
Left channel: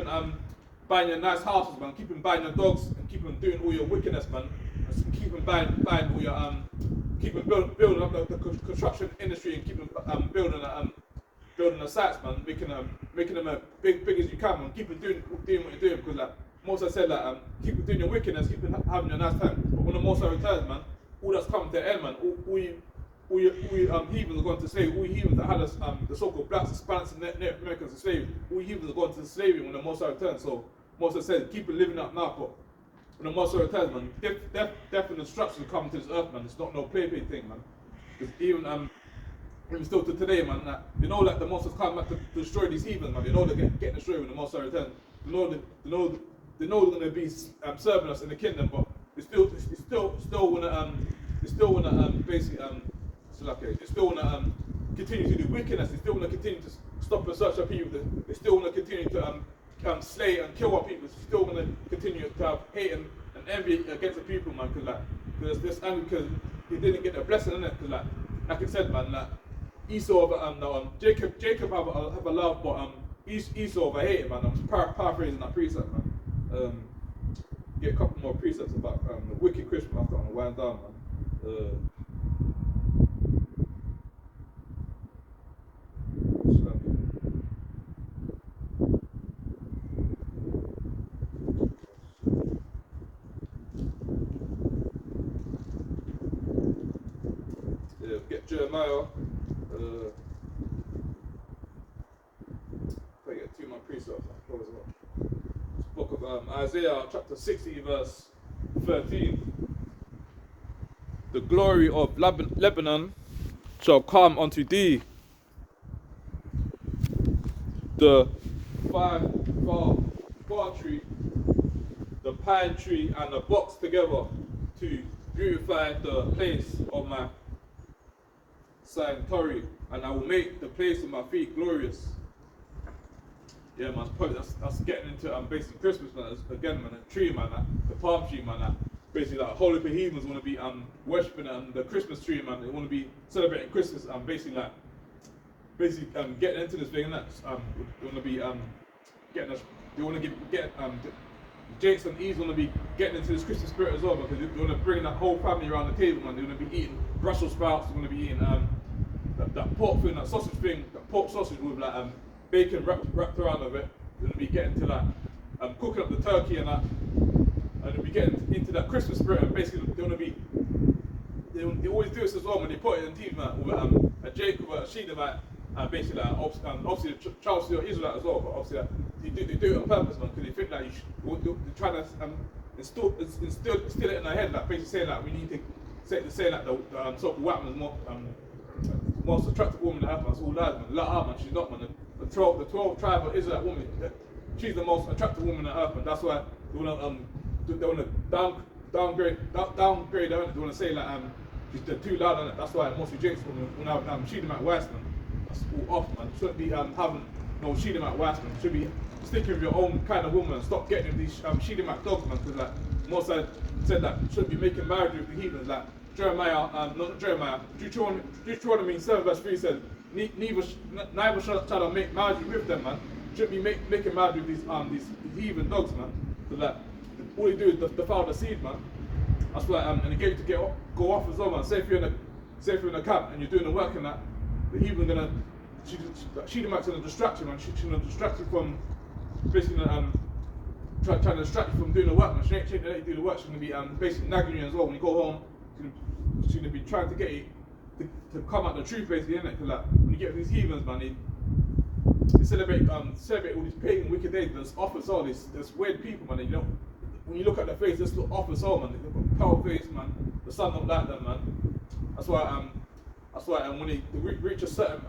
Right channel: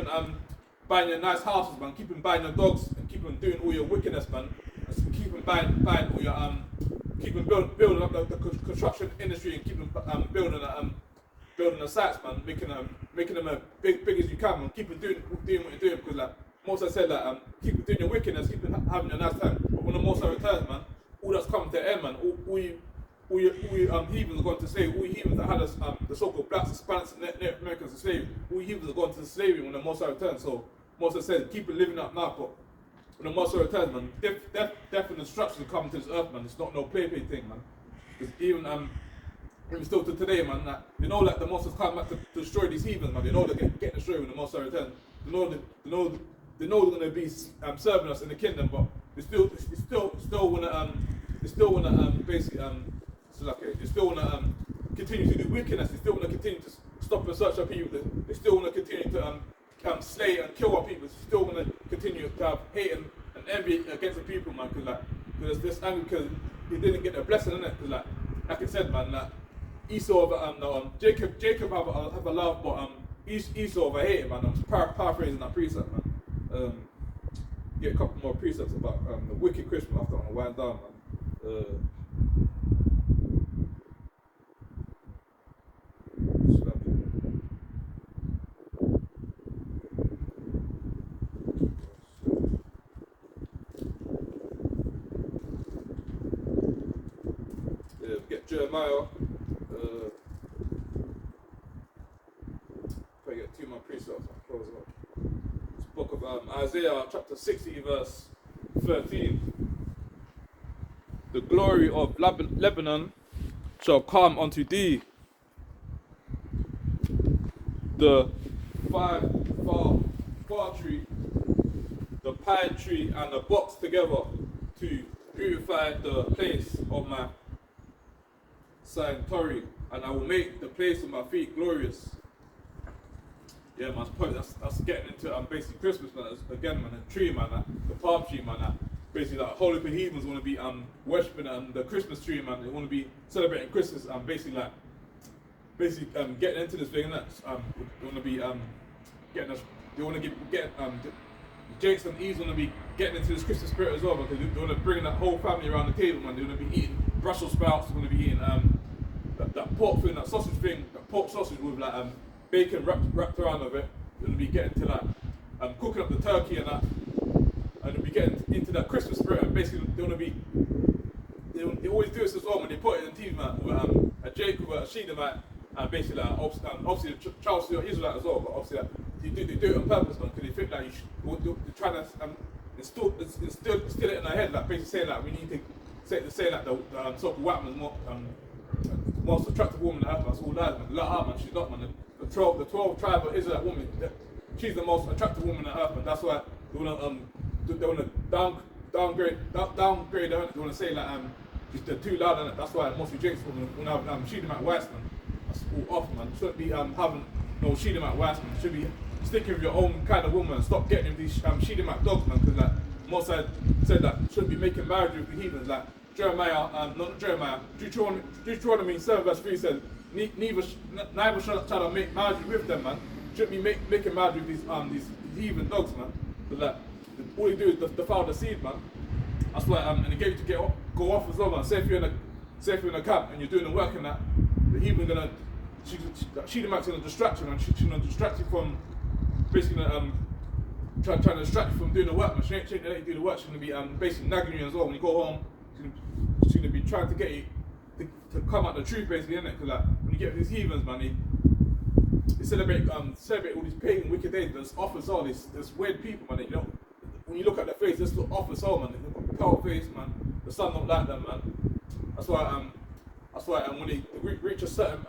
buying your nice houses, man. Keep buying your dogs, and keep doing all your wickedness, man. And keep buying all your keep building up the construction industry, and keep building the sites, man. Making them as big as you can, man. Keep doing what you're doing, because like Moses said, like keep doing your wickedness, keep having a nice time. But when the Moses returns, man, all that's coming to an end, man. All you heathens are going to slavery. All you heathens that had us, the so-called blacks, Hispanics, and Native Americans in slavery. All you heathens are going to slavery when the Moses returns. So Moses said, keep it living up now. But when the Moses returns, man, death and destruction coming to this earth, man. It's not no play thing, man. Because even still to today, man, they know that the Moses come back to destroy these heathens, man. They know they're getting destroyed when the Moses returns. They know they're going to be serving us in the kingdom, but they still want to basically they still want to continue to do wickedness. They still want to continue to stop and search our people. They still want to continue to slay and kill our people. They still want to continue to have hate and envy against the people, man. Because this anger, because they didn't get the blessing in it. Because like I said, man, Esau Jacob have a love, but Esau over hated, man. I'm paraphrasing that precept, man. Get a couple more precepts about the wicked Christian after I'm wind down, man. Get Jeremiah. If I get two more precepts, I'll close up. This book of Isaiah chapter 60 verse 13. The glory of Lebanon shall come unto thee, the fir tree, the pine tree, and the box together to beautify the place of my sanctuary, and I will make the place of my feet glorious. Yeah, man, that's getting into basically Christmas, man. Again, man, the tree, man, the palm tree, man. Basically, like whole heap of heathens want to be worshipping the Christmas tree, man. They want to be celebrating Christmas, basically getting into this thing, and they want to be getting us. They want to get James and Eve want to be getting into this Christmas spirit as well, because they want to bring that whole family around the table, man. They want to be eating Brussels sprouts. They want to be eating that pork thing, that sausage thing, that pork sausage with like bacon wrapped around of it. They're going to be getting to that, cooking up the turkey and that, and they'll be getting into that Christmas spirit. And basically, they want to be. They always do this as well when they put it in TV, man, with a Jacob or a Shedemite, and basically, obviously the child still Israelite as well, but obviously they do it on purpose, man, because they think that they're trying to instill it in their head, like basically saying that we need to say that the so-called white man is the most attractive woman on earth, man. That's all lies, man. Let her, man. She's not, man. The 12 tribe of Israelite woman, she's the most attractive woman on earth, man. That's why they wanna downgrade her. They wanna say like they're too loud on it. That's why mostly Jake's when I Shedemite wives, man. That's all off, man. You shouldn't be having no Shedemite wives, man. You should be sticking with your own kind of woman and stop getting these Shedemite dogs, man. Because like Moses said that you shouldn't be making marriage with the heathens. Like Deuteronomy 7 verse 3 says, neither shall I make marriage with them, man. You shouldn't be making marriage with these heathen dogs, man. Because like all you do is defile the seed, man. That's why and they get you to go off as well, man. Say if you're in a camp and you're doing the work and that, the heathen gonna Shedemite's gonna distract you, man. She's gonna distract you from basically trying to distract you from doing the work, man. She ain't let you do the work. She's gonna be basically nagging you as well when you go home. She's gonna be trying to get you to come out the truth, basically, innit? Because like when you get these heathens, man, they celebrate all these pagan wicked days. There's off as all these weird people, man. You know, when you look at their face, they look off as all, man. They look pale face, man. The sun don't like them, man. That's why when they reach a certain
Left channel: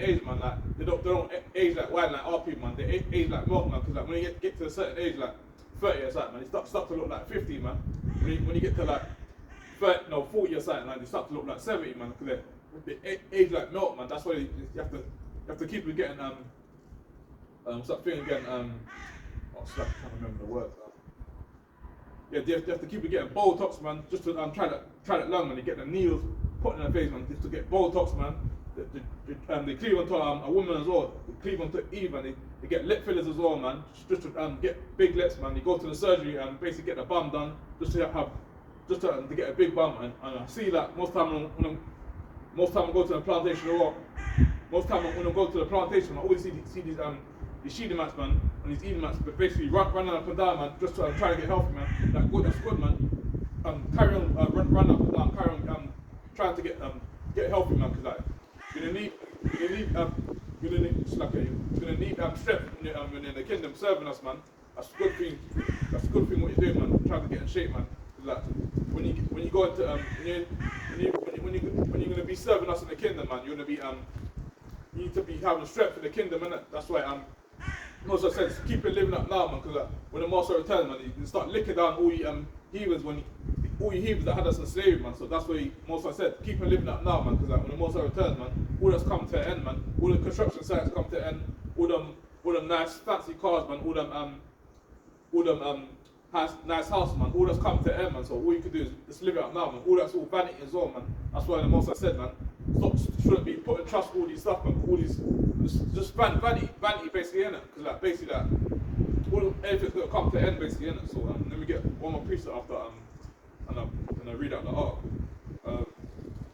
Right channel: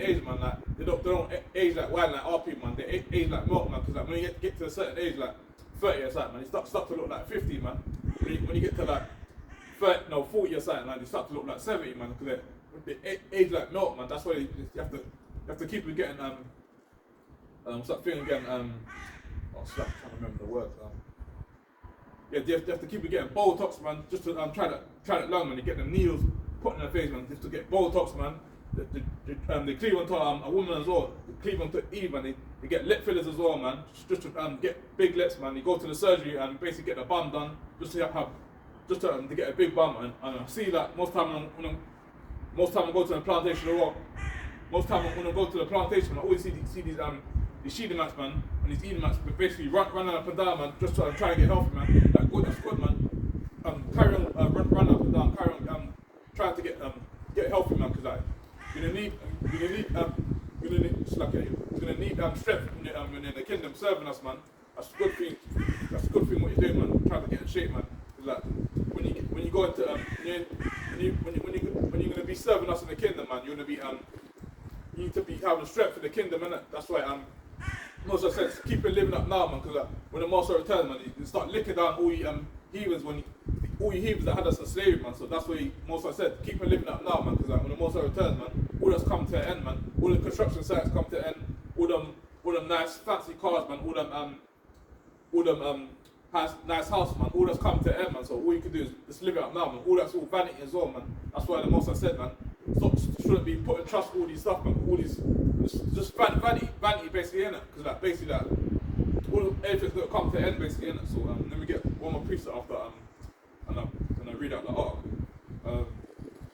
age, man, like they don't age like wine like our people, man. They age like milk, man. Because like when you get to a certain age, like 30 or something, man, they start to look like 50, man. When you get to like 40 or something, like they start to look like 70, man. Because they age like milk, man. That's why you have to keep getting start feeling again. I'm trying to remember the words. Yeah, they have to keep getting Botox, man. Just to try that long, man. They get the needles put in their face, man. Just to get Botox, man. They cleave onto a woman as well. They cleave onto Eve, and they get lip fillers as well, man. Just to get big lips, man. They go to the surgery and basically get the bum done, just to get a big bum. And I see that most time when I go to the plantation or what, most time when I go to the plantation, I always see these Shedemites, man, and these Edomites, but basically running up and down, man, just to try and get healthy, man. Like, good, that's good, man. Carry on, run up and down, carry on, trying to get healthy, man, because like you're gonna need strength when you're in the kingdom serving us, man. That's a good thing. That's a good thing what you're doing, man. Trying to get in shape, man. Like when you go into when you're gonna be serving us in the kingdom, man, you're gonna be you need to be having strength for the kingdom, innit? That's why Moses said, keep it living up now, man, because when the Master returns, man, you start licking down all you heathens all you heathens that had us in slavery, man. So that's why Moses said, keep it living up now, man, because when the Master returns, man, all that's come to an end, man. All the construction sites come to an end. All them nice fancy cars, man. All them nice house, man. All that's come to an end, man. So all you can do is just live it up now, man. All that's all vanity as well, man. That's why the Master said, man, shouldn't be putting trust in all these stuff, man. All these just vanity basically, innit? Because like basically that everything's gonna come to an end basically, innit? So let me get one more piece after and I'm gonna read out the article.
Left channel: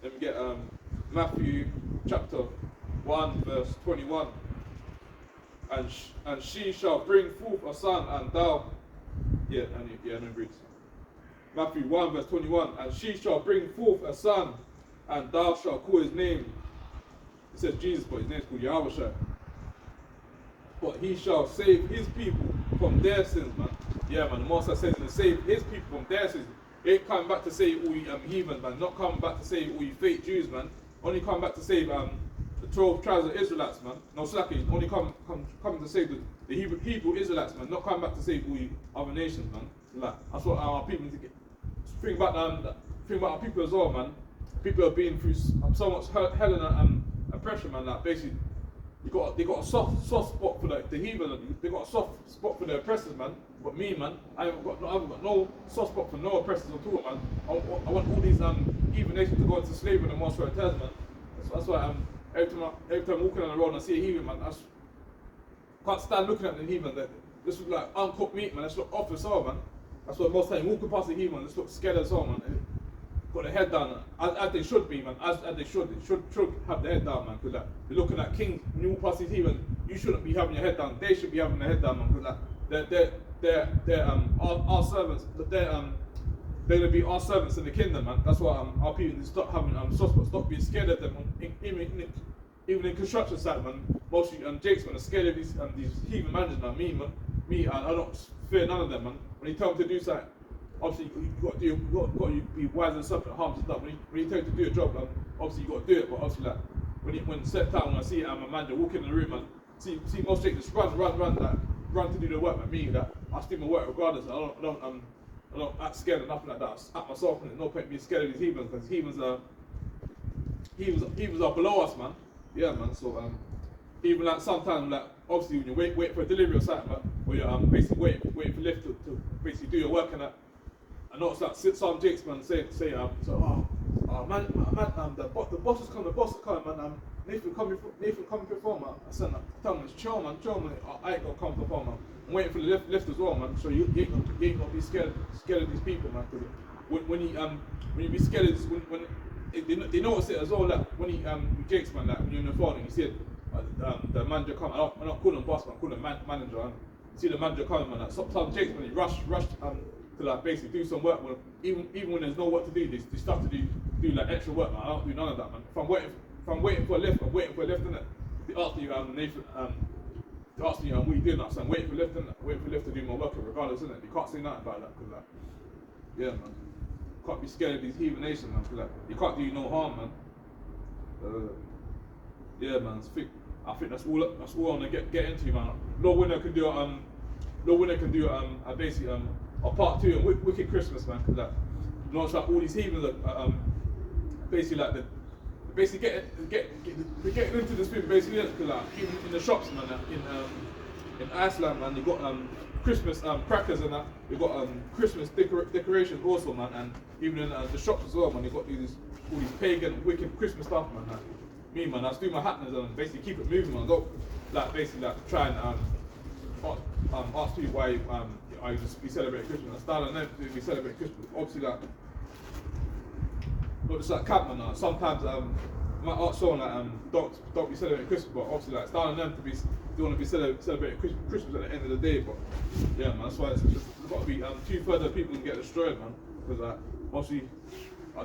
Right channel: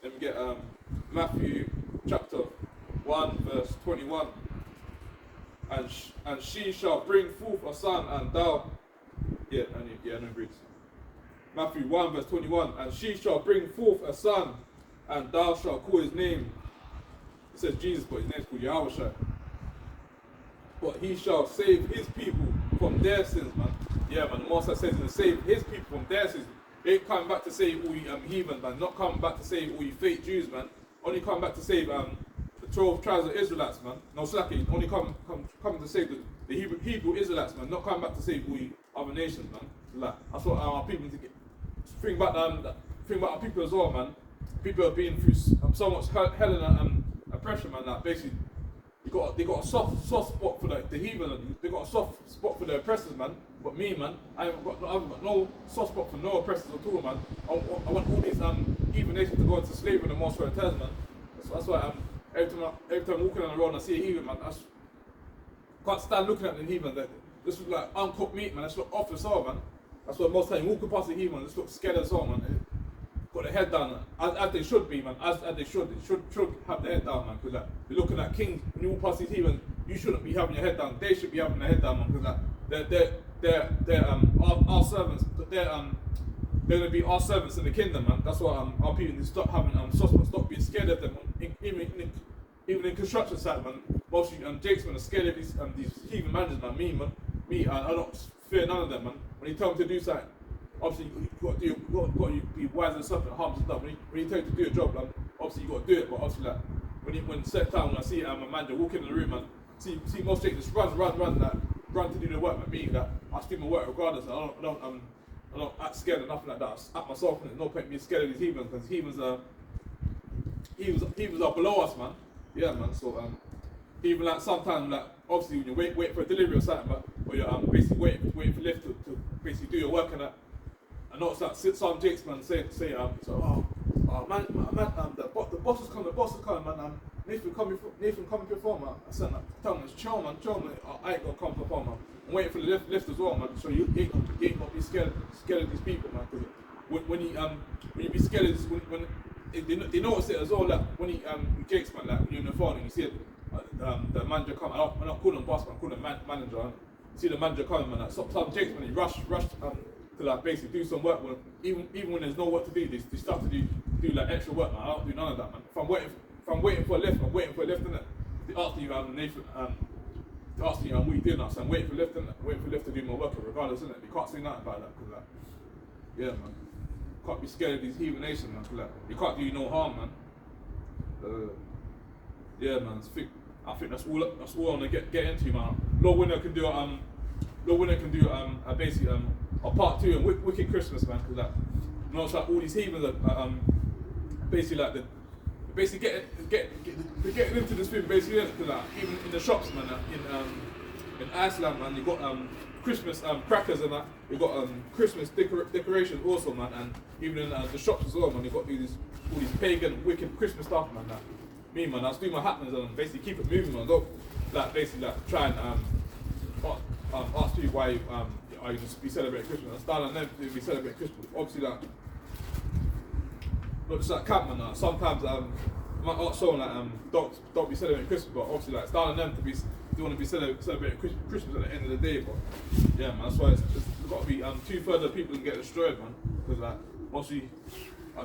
Let me get Matthew chapter 1 verse 21. And she shall bring forth a son, and thou no Greeks. Matthew 1 verse 21. And she shall bring forth a son, and thou shalt call his name. It says Jesus, but his name is called Yahweh. But he shall save his people from their sins, man. Yeah, man. The Most says to save his people from their sins. He ain't coming back to save all you heathen, man. Not coming back to save all you fake Jews, man. Only coming back to save the 12 tribes of Israelites, man. No, slacking. Only coming to save the Hebrew Israelites, man. Not coming back to save all you other nations, man. Like, that's what our people need to get. Think about our people as well, man. People have been through so much hell and oppression, man. Like, basically, they got a soft spot for the heathen. They got a soft spot for the oppressors, man. But me, man, I haven't got no soft spot for no oppressors at all, man. I want all these heathen nations to go into slavery and the most returns, man. That's why every time I'm walking on the road and I see a heathen, man, I can't stand looking at the heathen. This look like uncooked meat, man. This look off as well, man. That's what most time walking past the heathen, this look scared as well, man. Got their head down, as they should be, man. As they should have their head down, man. Because they're looking at kings. When you walk past these heathen, you shouldn't be having your head down. They should be having their head down, man. Because they're our servants. They're gonna be our servants in the kingdom, man. That's why our people need to stop having stop being scared of them. Even in construction site, man. Mostly Jake's man are scared of these heathen managers, man. Me, I don't fear none of them, man. When you tell them to do something, obviously you got to be wise and something harm and stuff. When you tell them to do a job, obviously you got to do it. But obviously, like when set time, when I see a manager walk in the room, man, see most Jake just run to do the work. But me, that I still my work regardless. I don't act scared or nothing like that. I act myself, and there's no point being scared of these heathens because heathens are below us, man. Yeah, man. So even like sometimes, like obviously when you wait for a delivery or something, but or you're basically waiting for lift to basically do your work and that. I know it's like some Jakes, man, say man, the boss is coming, man. Nathan coming before, man. I said, tell him, chill, man. I ain't gonna come before, man. I'm waiting for the lift as well, man. So you ain't gonna be scared of these people, man. Because when you be scared of this, when they notice it as well, like when Jakes, man, like when you're in the phone and you see it, the manager come. I don't call him boss, man. I call him manager. You see the manager coming, man. Like some Jakes, man, he rush to like basically do some work. Even when there's no work to do, they start to do like extra work, man. I don't do none of that, man. If I'm waiting for a lift, I'm waiting for a lift, innit? They ask you, Nathan, they ask you, what are you doing now? So I'm waiting for a lift, innit? Waiting for a lift to do my work, regardless, innit? You can't say nothing about that, because like, yeah, man. Can't be scared of these heathen nations, man. Cause like, you can't do you no harm, man. Yeah, man. I think that's all I want to get into, man. Lord Winner can do basically a part 2 of Wicked Christmas, man. Cause like, you know, it's like all these heathens are basically like they're getting into this thing basically, because like even in the shops, man, in Iceland, man, you got Christmas crackers and that. You got Christmas decorations also, man, and even in the shops as well, man. You got all these pagan wicked Christmas stuff, man. Like, me, man, I just do my happenings and basically keep it moving, man. Go like basically like try and ask you why you just be celebrating Christmas. I start on them to be celebrating Christmas. Obviously, like. But it's like camp, man. Sometimes you might ask someone like don't be celebrating Christmas, but obviously like starting them to be they want to be celebrating Christmas at the end of the day. But yeah, man, that's why it's got to be 2/3 of people can get destroyed, man. Because like mostly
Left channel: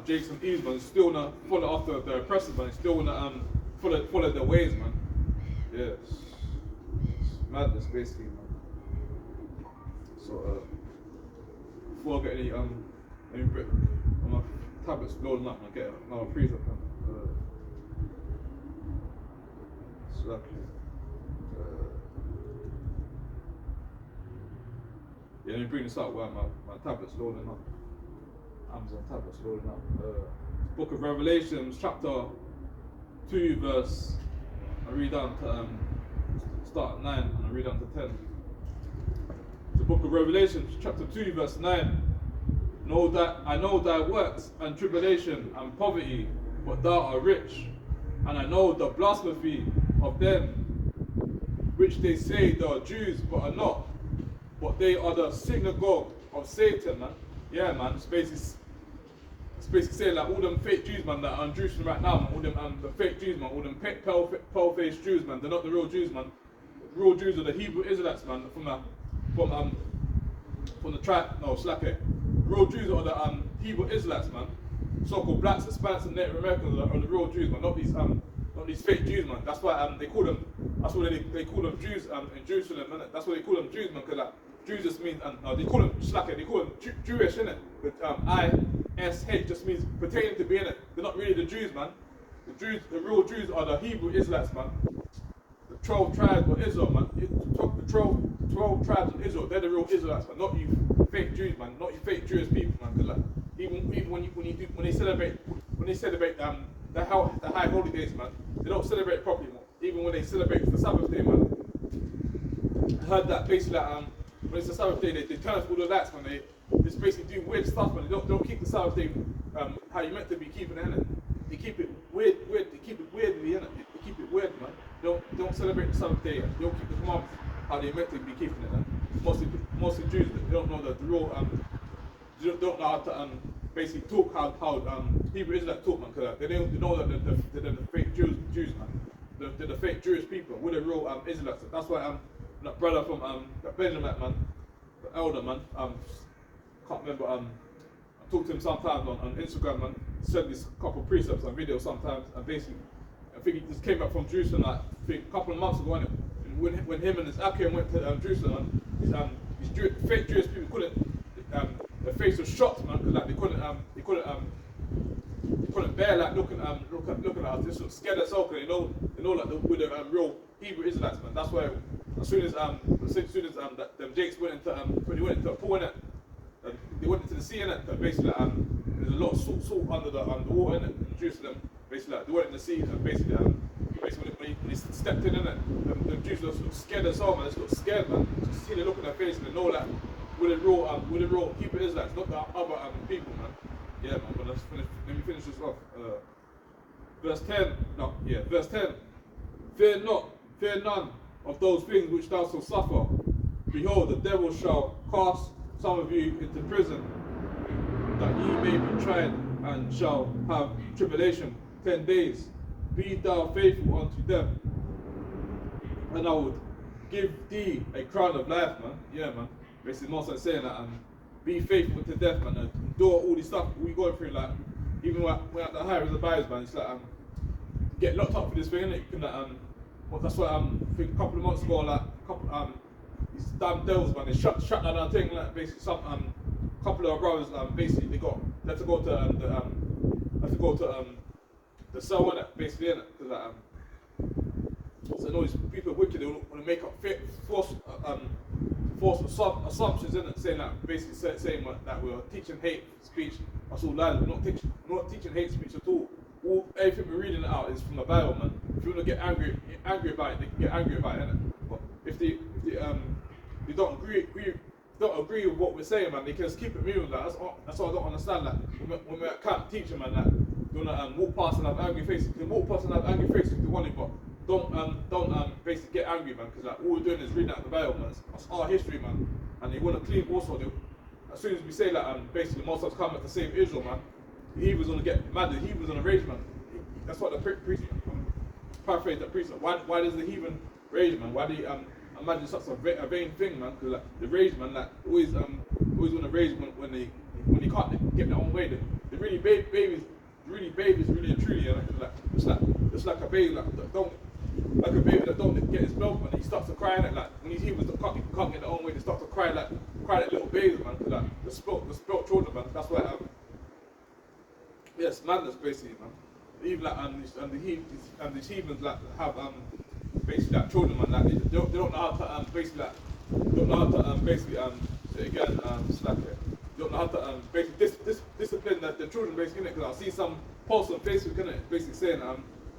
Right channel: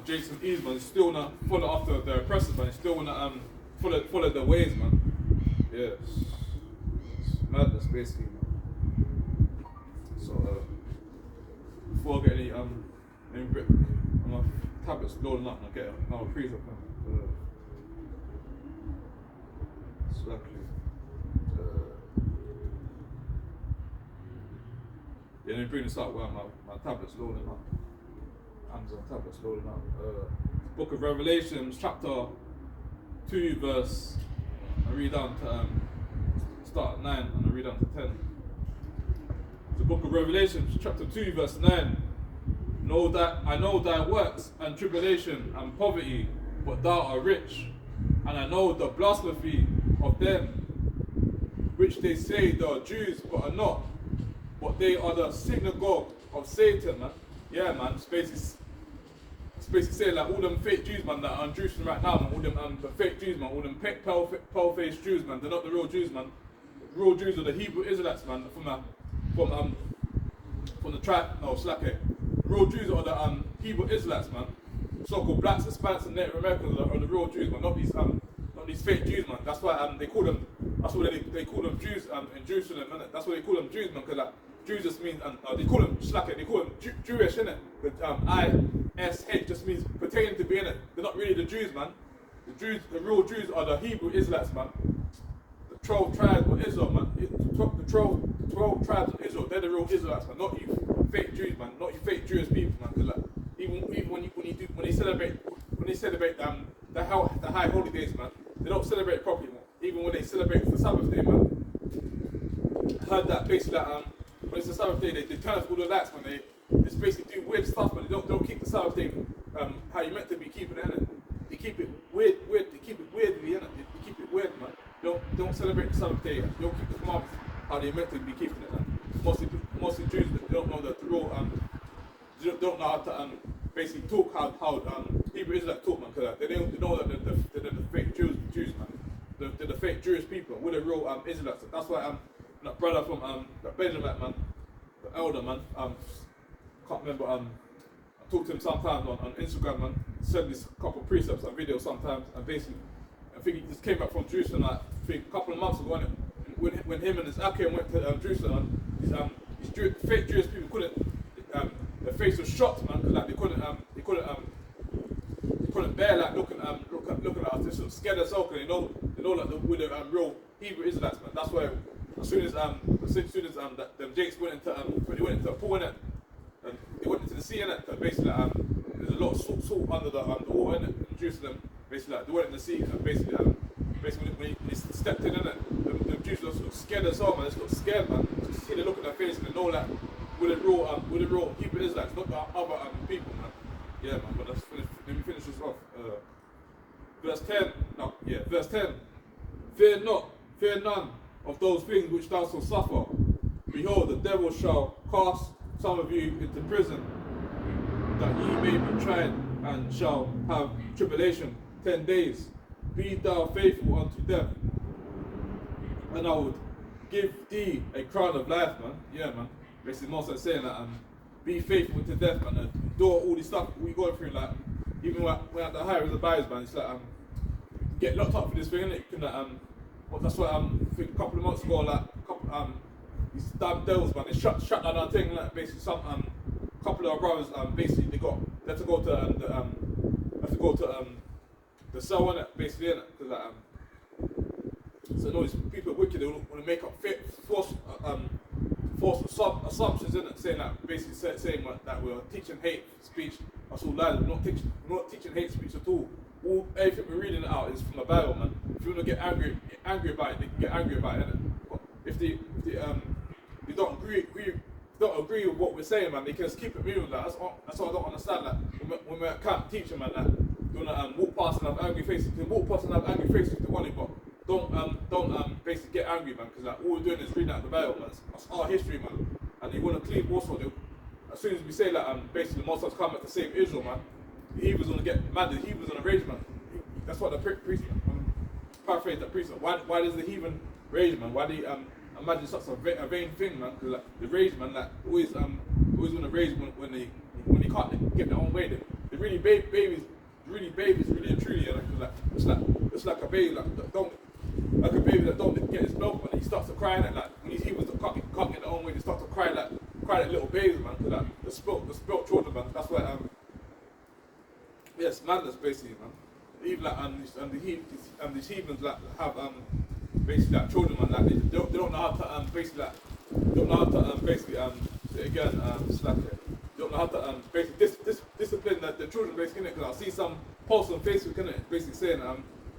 Jakes and Eves, man, still wanna follow after their oppressors, man. Still wanna follow their ways, man. Yeah, it's madness basically, man. So before I get any brick on my tablets loading up and I get another freezer pan. Yeah, let me bring this up while my tablet's loading up. Amazon tablet's loading up. Book of Revelations, chapter 2, verse. I read down to start at 9 and I read down to 10. The book of Revelation, chapter 2, verse 9. I know thy works and tribulation and poverty, but thou art rich. And I know the blasphemy of them which they say they are Jews but are not, but they are the synagogue of Satan, man. Yeah, man. It's basically saying like all them fake Jews, man, that are in Jerusalem right now, man. All them the fake Jews, man. All them pale-faced Jews, man. They're not the real Jews, man. The real Jews are the Hebrew Israelites, man. From the tribe, no, Slack. Real Jews are the Hebrew Israelites, man. So-called blacks, Hispanics, and Native Americans are the real Jews, man. Not these fake Jews, man. That's why they call them. That's why they call them Jews in Jerusalem, man. That's why they call them Jews, man. Because like Jews just means, they call them Jewish, innit? But ISH just means pertaining to being it. They're not really the Jews, man. The real Jews are the Hebrew Israelites, man. The 12 tribes of Israel, man. The 12 tribes of Israel, they're the real Israelites, man. Not you fake Jews, man. Not you fake Jewish people, man. Because like, even when they celebrate the high holy days, man, they don't celebrate properly, man. Even when they celebrate the Sabbath day, man. I heard that basically that when it's the Sabbath day, they turn off all the lights, man. They just basically do weird stuff, but they don't keep the Sabbath day how you meant to be keeping it, innit? They keep it weird. They keep it weirdly, innit? They keep it weird, man. Don't celebrate the Sabbath day. They don't keep the commandments how they meant to be keeping it. Mostly Jews that don't know the real don't know how to basically talk how Hebrew Israelites talk, man. Because they know that they're the fake Jews, man. They're the fake Jewish people. We're the real Israelites. That's why that brother from that Benjamin, man, the elder, man. Can't remember. I talked to him sometimes on Instagram, man. Sent me a couple of precepts and videos sometimes, and basically, I think he just came back from Jerusalem like a couple of months ago. When him and his Akim went to Jerusalem, these fake Jewish people couldn't. Their face was shocked, man, because like they couldn't bear like looking at us. They sort of scared us out, because they know like we're the real Hebrew Israelites, man. That's why as soon as them Jakes went into when they went into a pool in it, and they went into the sea in it, and basically there's a lot of salt under the water in it in Jerusalem. Basically they went in the sea, and basically when he stepped in it, the Jews sort of scared us out, man. They got scared, man. To see the look on their face and they know that we're the real Hebrew Israelites, not the other people, man. Yeah, man. But let me finish this off. Verse 10. Fear none of those things which thou shalt suffer. Behold, the devil shall cast some of you into prison, that ye may be tried, and shall have tribulation 10 days. Be thou faithful unto death, and I will give thee a crown of life, man. Yeah, man. Basically, Moses saying that, be faithful to death, man. And do all this stuff we go through, like, even when we're at the higher of the barriers, man, it's like, get locked up for this thing, innit? That's why, I think a couple of months ago, like, these damn devils, man, they shut down our thing, like, basically, couple of our brothers, basically, they had to go to the cell, innit, basically, innit? Because, like, so, these people are wicked, they want to make up false assumptions, innit? Saying that, basically saying that we're teaching hate speech. That's all lies. We're not teaching hate speech at all. Everything we're reading out is from the Bible, man. If you want to get angry about it, they can get angry about it, innit? But if they don't agree with what we're saying, man, they can just keep it moving. Like, that's what I don't understand. Like, when we're at camp teaching, man, like, you wanna walk past and have angry faces. You can walk past and have angry faces if you want it, but don't basically get angry, man, because like all we're doing is reading out the Bible, man. That's our history, man. And they want to clean also. As soon as we say that, basically most of us come back to save Israel, man. He was gonna get mad. He was gonna rage, man. That's what the priest, paraphrase the priest. Why does the heathen rage, man? Why do you imagine such a vain thing, man? Because like the rage, man, like always wanna rage when they can't get their own way. They really babies, really and truly, you know? It's like a baby, like a baby that don't get his milk, man. He starts to cry, and like when he's evil, can't get their own way. They start to cry like little babies, man. Like the spilt children, man. That's why it's madness, basically, man. Even like these heathens like have basically like children, man. Like they don't know how to basically again it's like they don't know how to basically discipline the children, basically. Because I see some posts on Facebook, innit, basically saying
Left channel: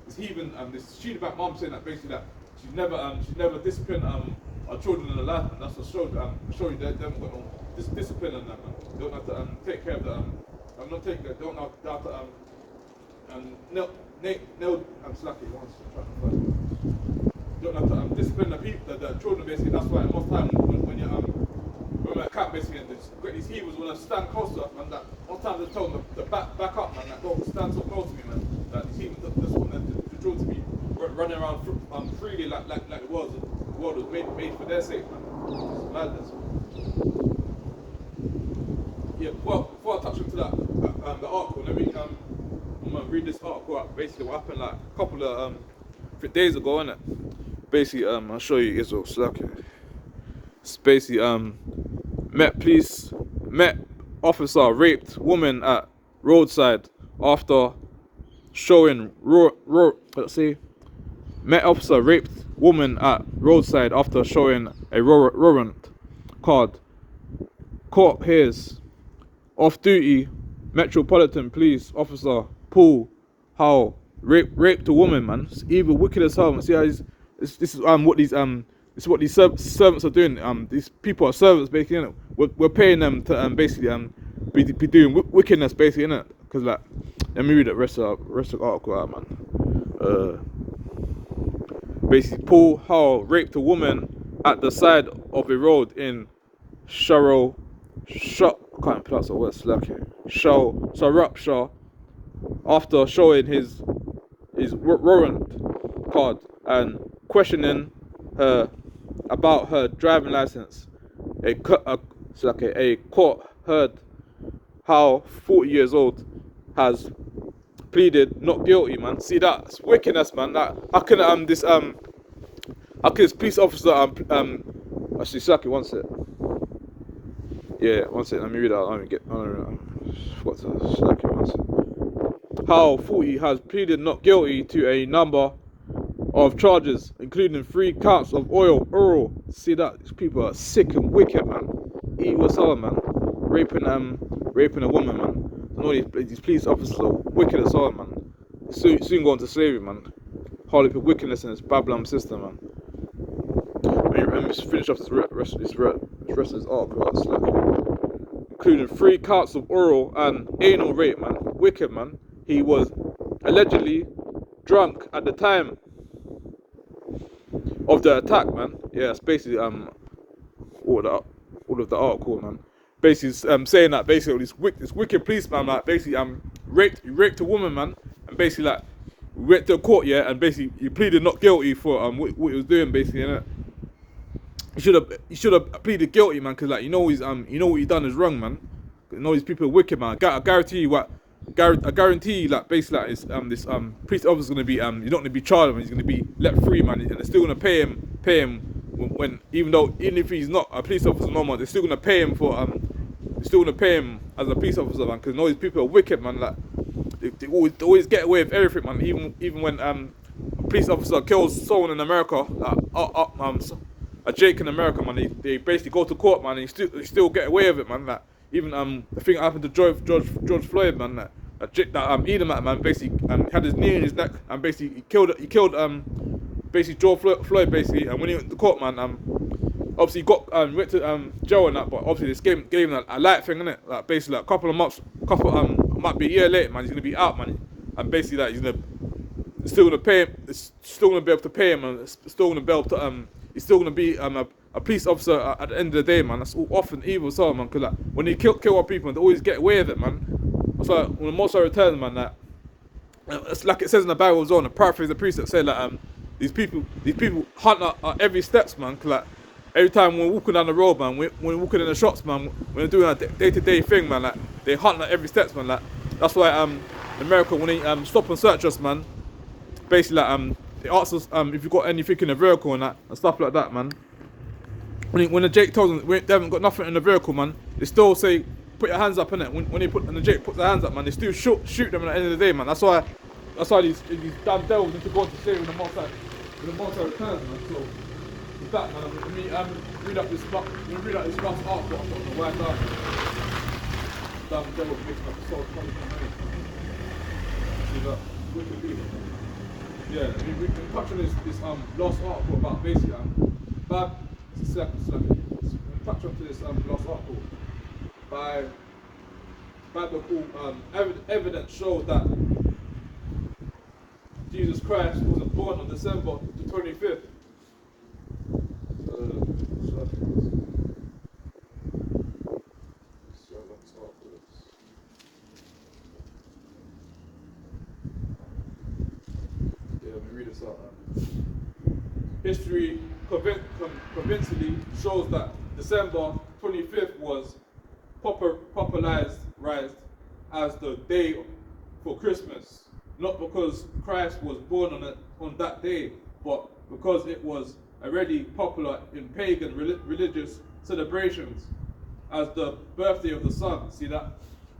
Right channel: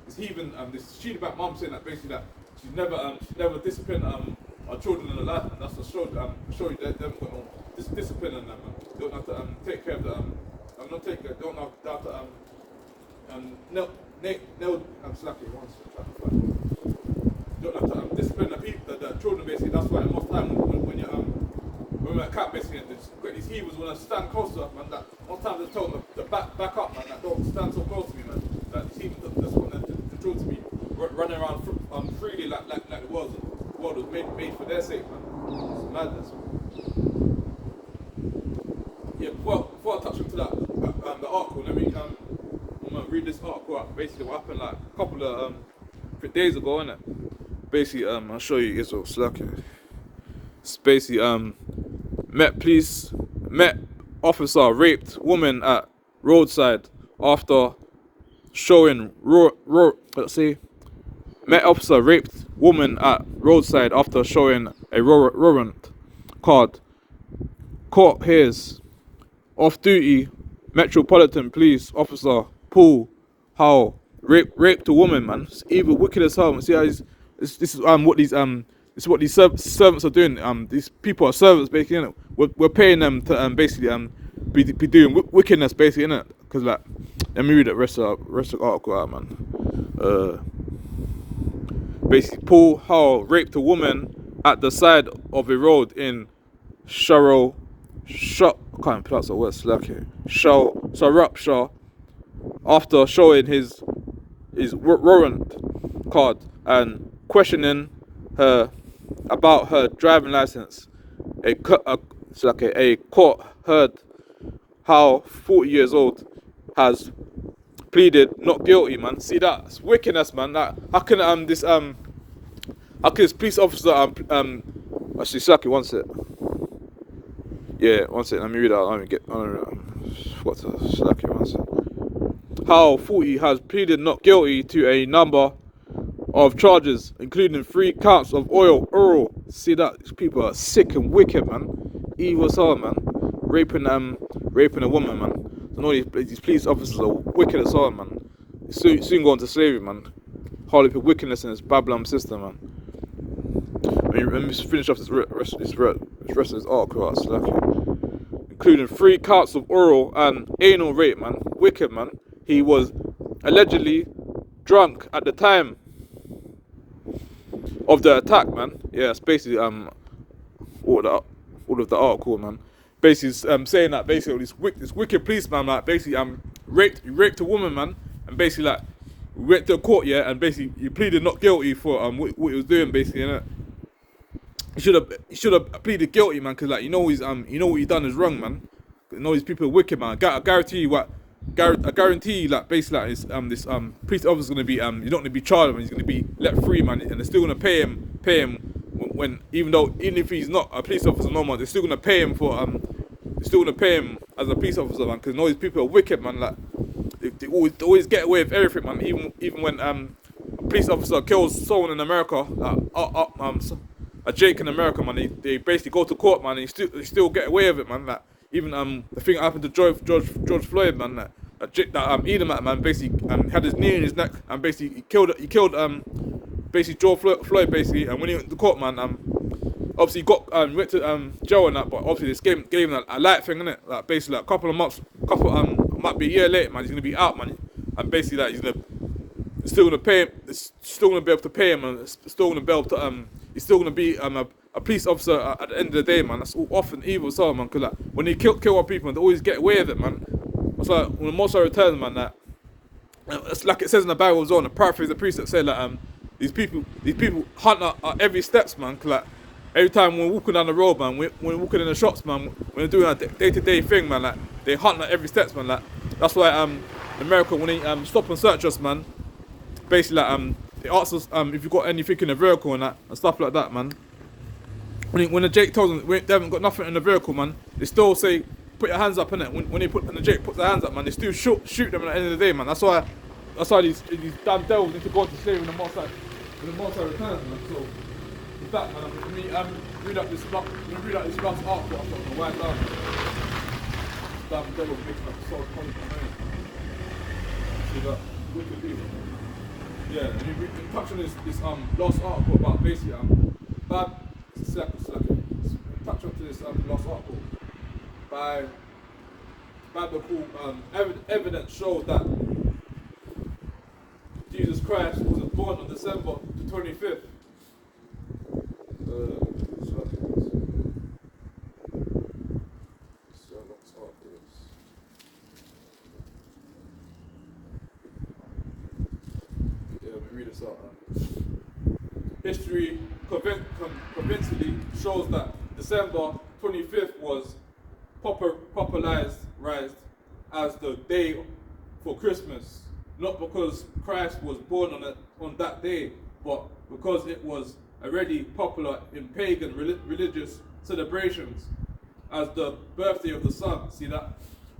this heathen this Shedabite mom saying that basically that she's never disciplined our children in her life, and that's to show you they haven't got no discipline in them, man. They don't have to take care of the don't have to I'm slacking once. Don't have to discipline the people, the children, basically. That's why most time when we're at camp, basically, these heathens want to stand close to us, man. That most time they tell them to back up, man. Like, don't stand so close to me, man. Like, these heathens just want the children to be running around freely like the world was made for their sake, man. It's madness. Yeah, before I touch into that, the article, let me I'm gonna read this article up. Basically, what happened like a couple of days ago, innit? Basically, I'll show you Israel slack here. It's basically Met officer raped woman at roadside after showing Met officer raped woman at roadside after showing a warrant card. Court hears off-duty Metropolitan Police Officer Paul Howe raped a woman, man. It's evil, wicked as hell. Man. See how this is what these servants are doing. These people are servants, basically. Innit? We're paying them to basically be doing wickedness, basically, innit? Because like, let me read the rest of the article out, man. Basically, Paul Howe raped a woman at the side of a road in I can't pronounce the word slacking. Sarupshire after showing his warrant card and questioning her about her driving license. A court heard how 40 years old has pleaded not guilty, man. See that? It's wickedness, man. That how can this police officer actually Slacking, one sec. Yeah, one sec, let me read out. What's Slacking, one sec. How 40 has pleaded not guilty to a number of charges, including 3 counts of oral. See that? These people are sick and wicked, man. Evil as hell, man. Raping a woman, man. I know these police officers are wicked as hell, man. Soon go into slavery, man. Hardly put wickedness in this Babylon system, man. Let me just finish off this rest of this article, including 3 counts of oral and anal rape, man. Wicked, man. He was allegedly drunk at the time of the attack, man. Yeah, it's basically all of the article, man. Basically saying that basically this wicked policeman, like basically raped a woman, man, and basically like went to court, yeah, and basically he pleaded not guilty for what he was doing, basically, innit? He should have pleaded guilty, man, because like you know what he done is wrong, man. You know these people are wicked, man. I guarantee you like basically like this police officer's gonna be you're not gonna be charged, man. He's gonna be let free, man, and they're still gonna pay him when even if he's not a police officer no more, they're still gonna pay him for as a police officer, man, because you know these people are wicked, man. Like they always get away with everything, man. Even when a police officer kills someone in America, a Jake in America, man, they basically go to court, man, and they still get away with it, man. Like even the thing that happened to George Floyd, man, that heathen man basically had his knee in his neck and basically he killed basically George Floyd basically, and when he went to the court, man, obviously he got went to jail and that, but obviously this gave him a light thing, innit? Like basically like a couple of months, might be a year later, man, he's gonna be out, man, and basically that he's still gonna pay him, it's still gonna be able to pay him, and it's still gonna be able to he's still gonna be a police officer at the end of the day, man. That's all often evil as well, man, because like when they kill our people, they always get away with it, man. That's why when the Most High returns, man, that it's like it says in the Bible as well, the paraphrase the precept said like these people hunt our every steps, man. Cause like every time we're walking down the road, man, when we're walking in the shops, man, when we're doing a day-to-day thing, man, like they hunt our every steps, man. Like that's why in America when they stop and search us, man, basically like they ask us if you got anything in the vehicle and that and stuff like that, man. When the Jake tells them they haven't got nothing in the vehicle, man, they still say put your hands up, innit? When the Jake puts their hands up, man, they still shoot them at the end of the day, man. That's why these damn devils need to go to slavery when the Most High returns, man. So with that, man, let me read up this last article I've got the word down. Damn devil making up the soul punishment, innit? See that? Wicked people. Yeah, we can touch on this last article about basically touch on to this last article by biblical evidence shows that Jesus Christ wasn't born on December the 25th. History convincingly shows that December 25th was popularized as the day for Christmas, not because Christ was born on that day, but because it was already popular in pagan religious celebrations. as the birthday of the sun. See that?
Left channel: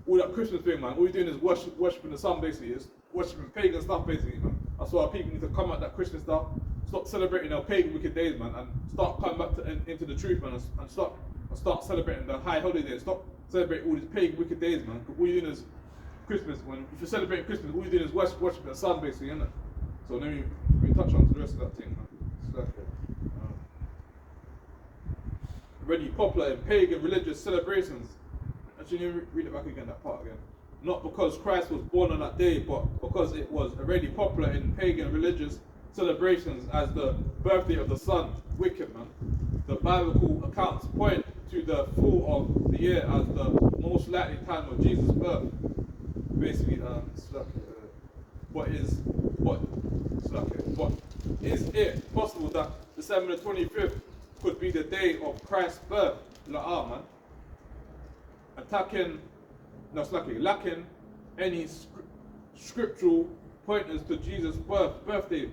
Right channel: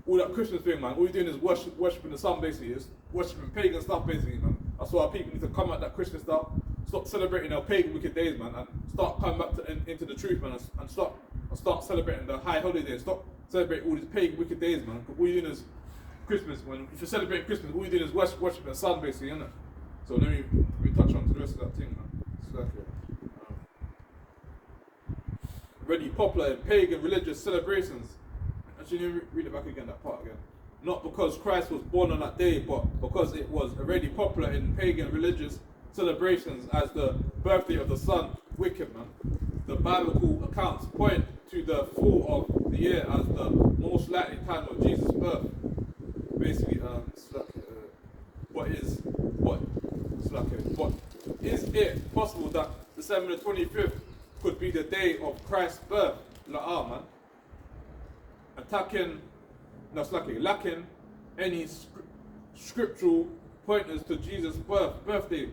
All that Christmas thing, man. All you're doing is worshiping the sun, basically. It's worshiping pagan stuff, basically, man. That's why people need to come at that Christmas stuff, stop celebrating our pagan wicked days, man, and start coming back into the truth, man, and start celebrating the high holidays. Stop celebrating all these pagan wicked days, man. All you're doing is Christmas. If you're celebrating Christmas, all you're doing is worshiping the sun, basically, isn't it? So let me touch on to the rest of that thing, man. It's like already popular in pagan religious celebrations. Actually, let me read it back again, that part again. Not because Christ was born on that day, but because it was already popular in pagan religious celebrations as the birthday of the sun. Wicked, man. The biblical accounts point to the fall of the year as the most likely time of Jesus' birth. Basically, but is it possible that December the 25th could be the day of Christ's birth? Man. Lacking any scriptural pointers to Jesus' birthday.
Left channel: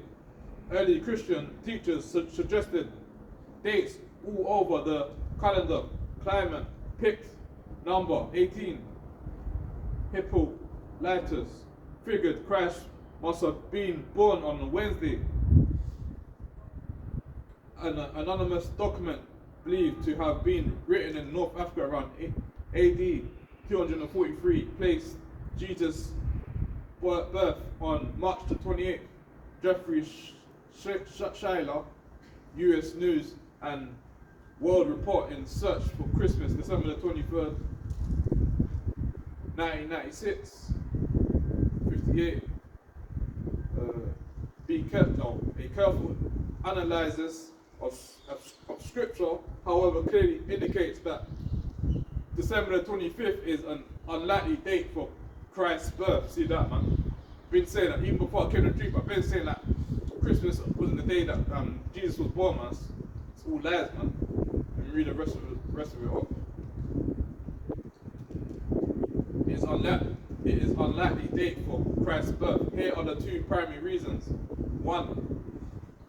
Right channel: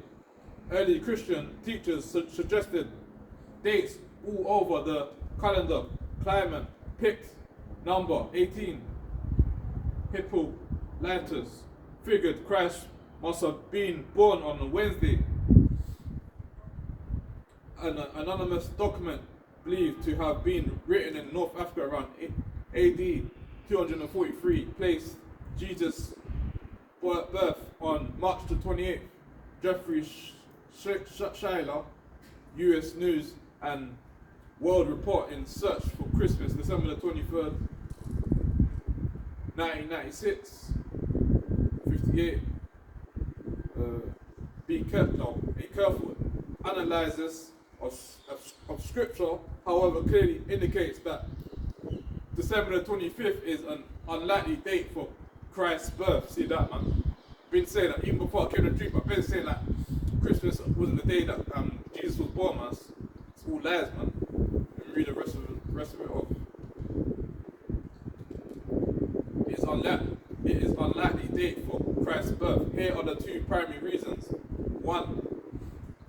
Early Christian teachers suggested dates all over the calendar. Climate picked number 18. Hippolytus figured Christ must have been born on a Wednesday. An anonymous document believed to have been written in North Africa around AD 243 placed Jesus' birth on March the 28th. Jeffrey Schuyler, U.S. News and World Report in Search for Christmas, December the 23rd, 1996, 58. A careful analysis of scripture, however, clearly indicates that December the 25th is an unlikely date for Christ's birth. See that, man? I've been saying that even before I came to the truth. I've been saying that Christmas wasn't the day that Jesus was born, man. It's all lies, man. Let me read the rest of it off. It is unlikely date for Christ's birth. Here are the two primary reasons. One,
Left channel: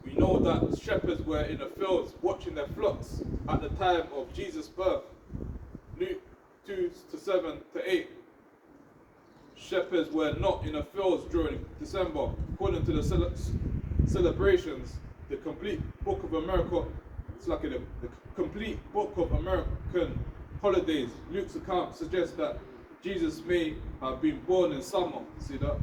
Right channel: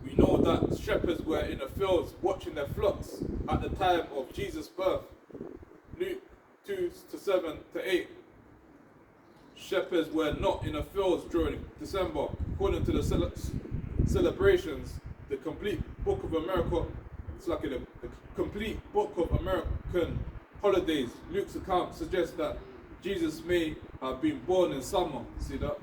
we know that shepherds were in the fields watching their flocks at the time of Jesus' birth. Luke 2:7-8. Shepherds were not in the fields during December. According to the celebrations, the complete book of America, the complete book of American holidays, Luke's account suggests that Jesus may have been born in summer, see that,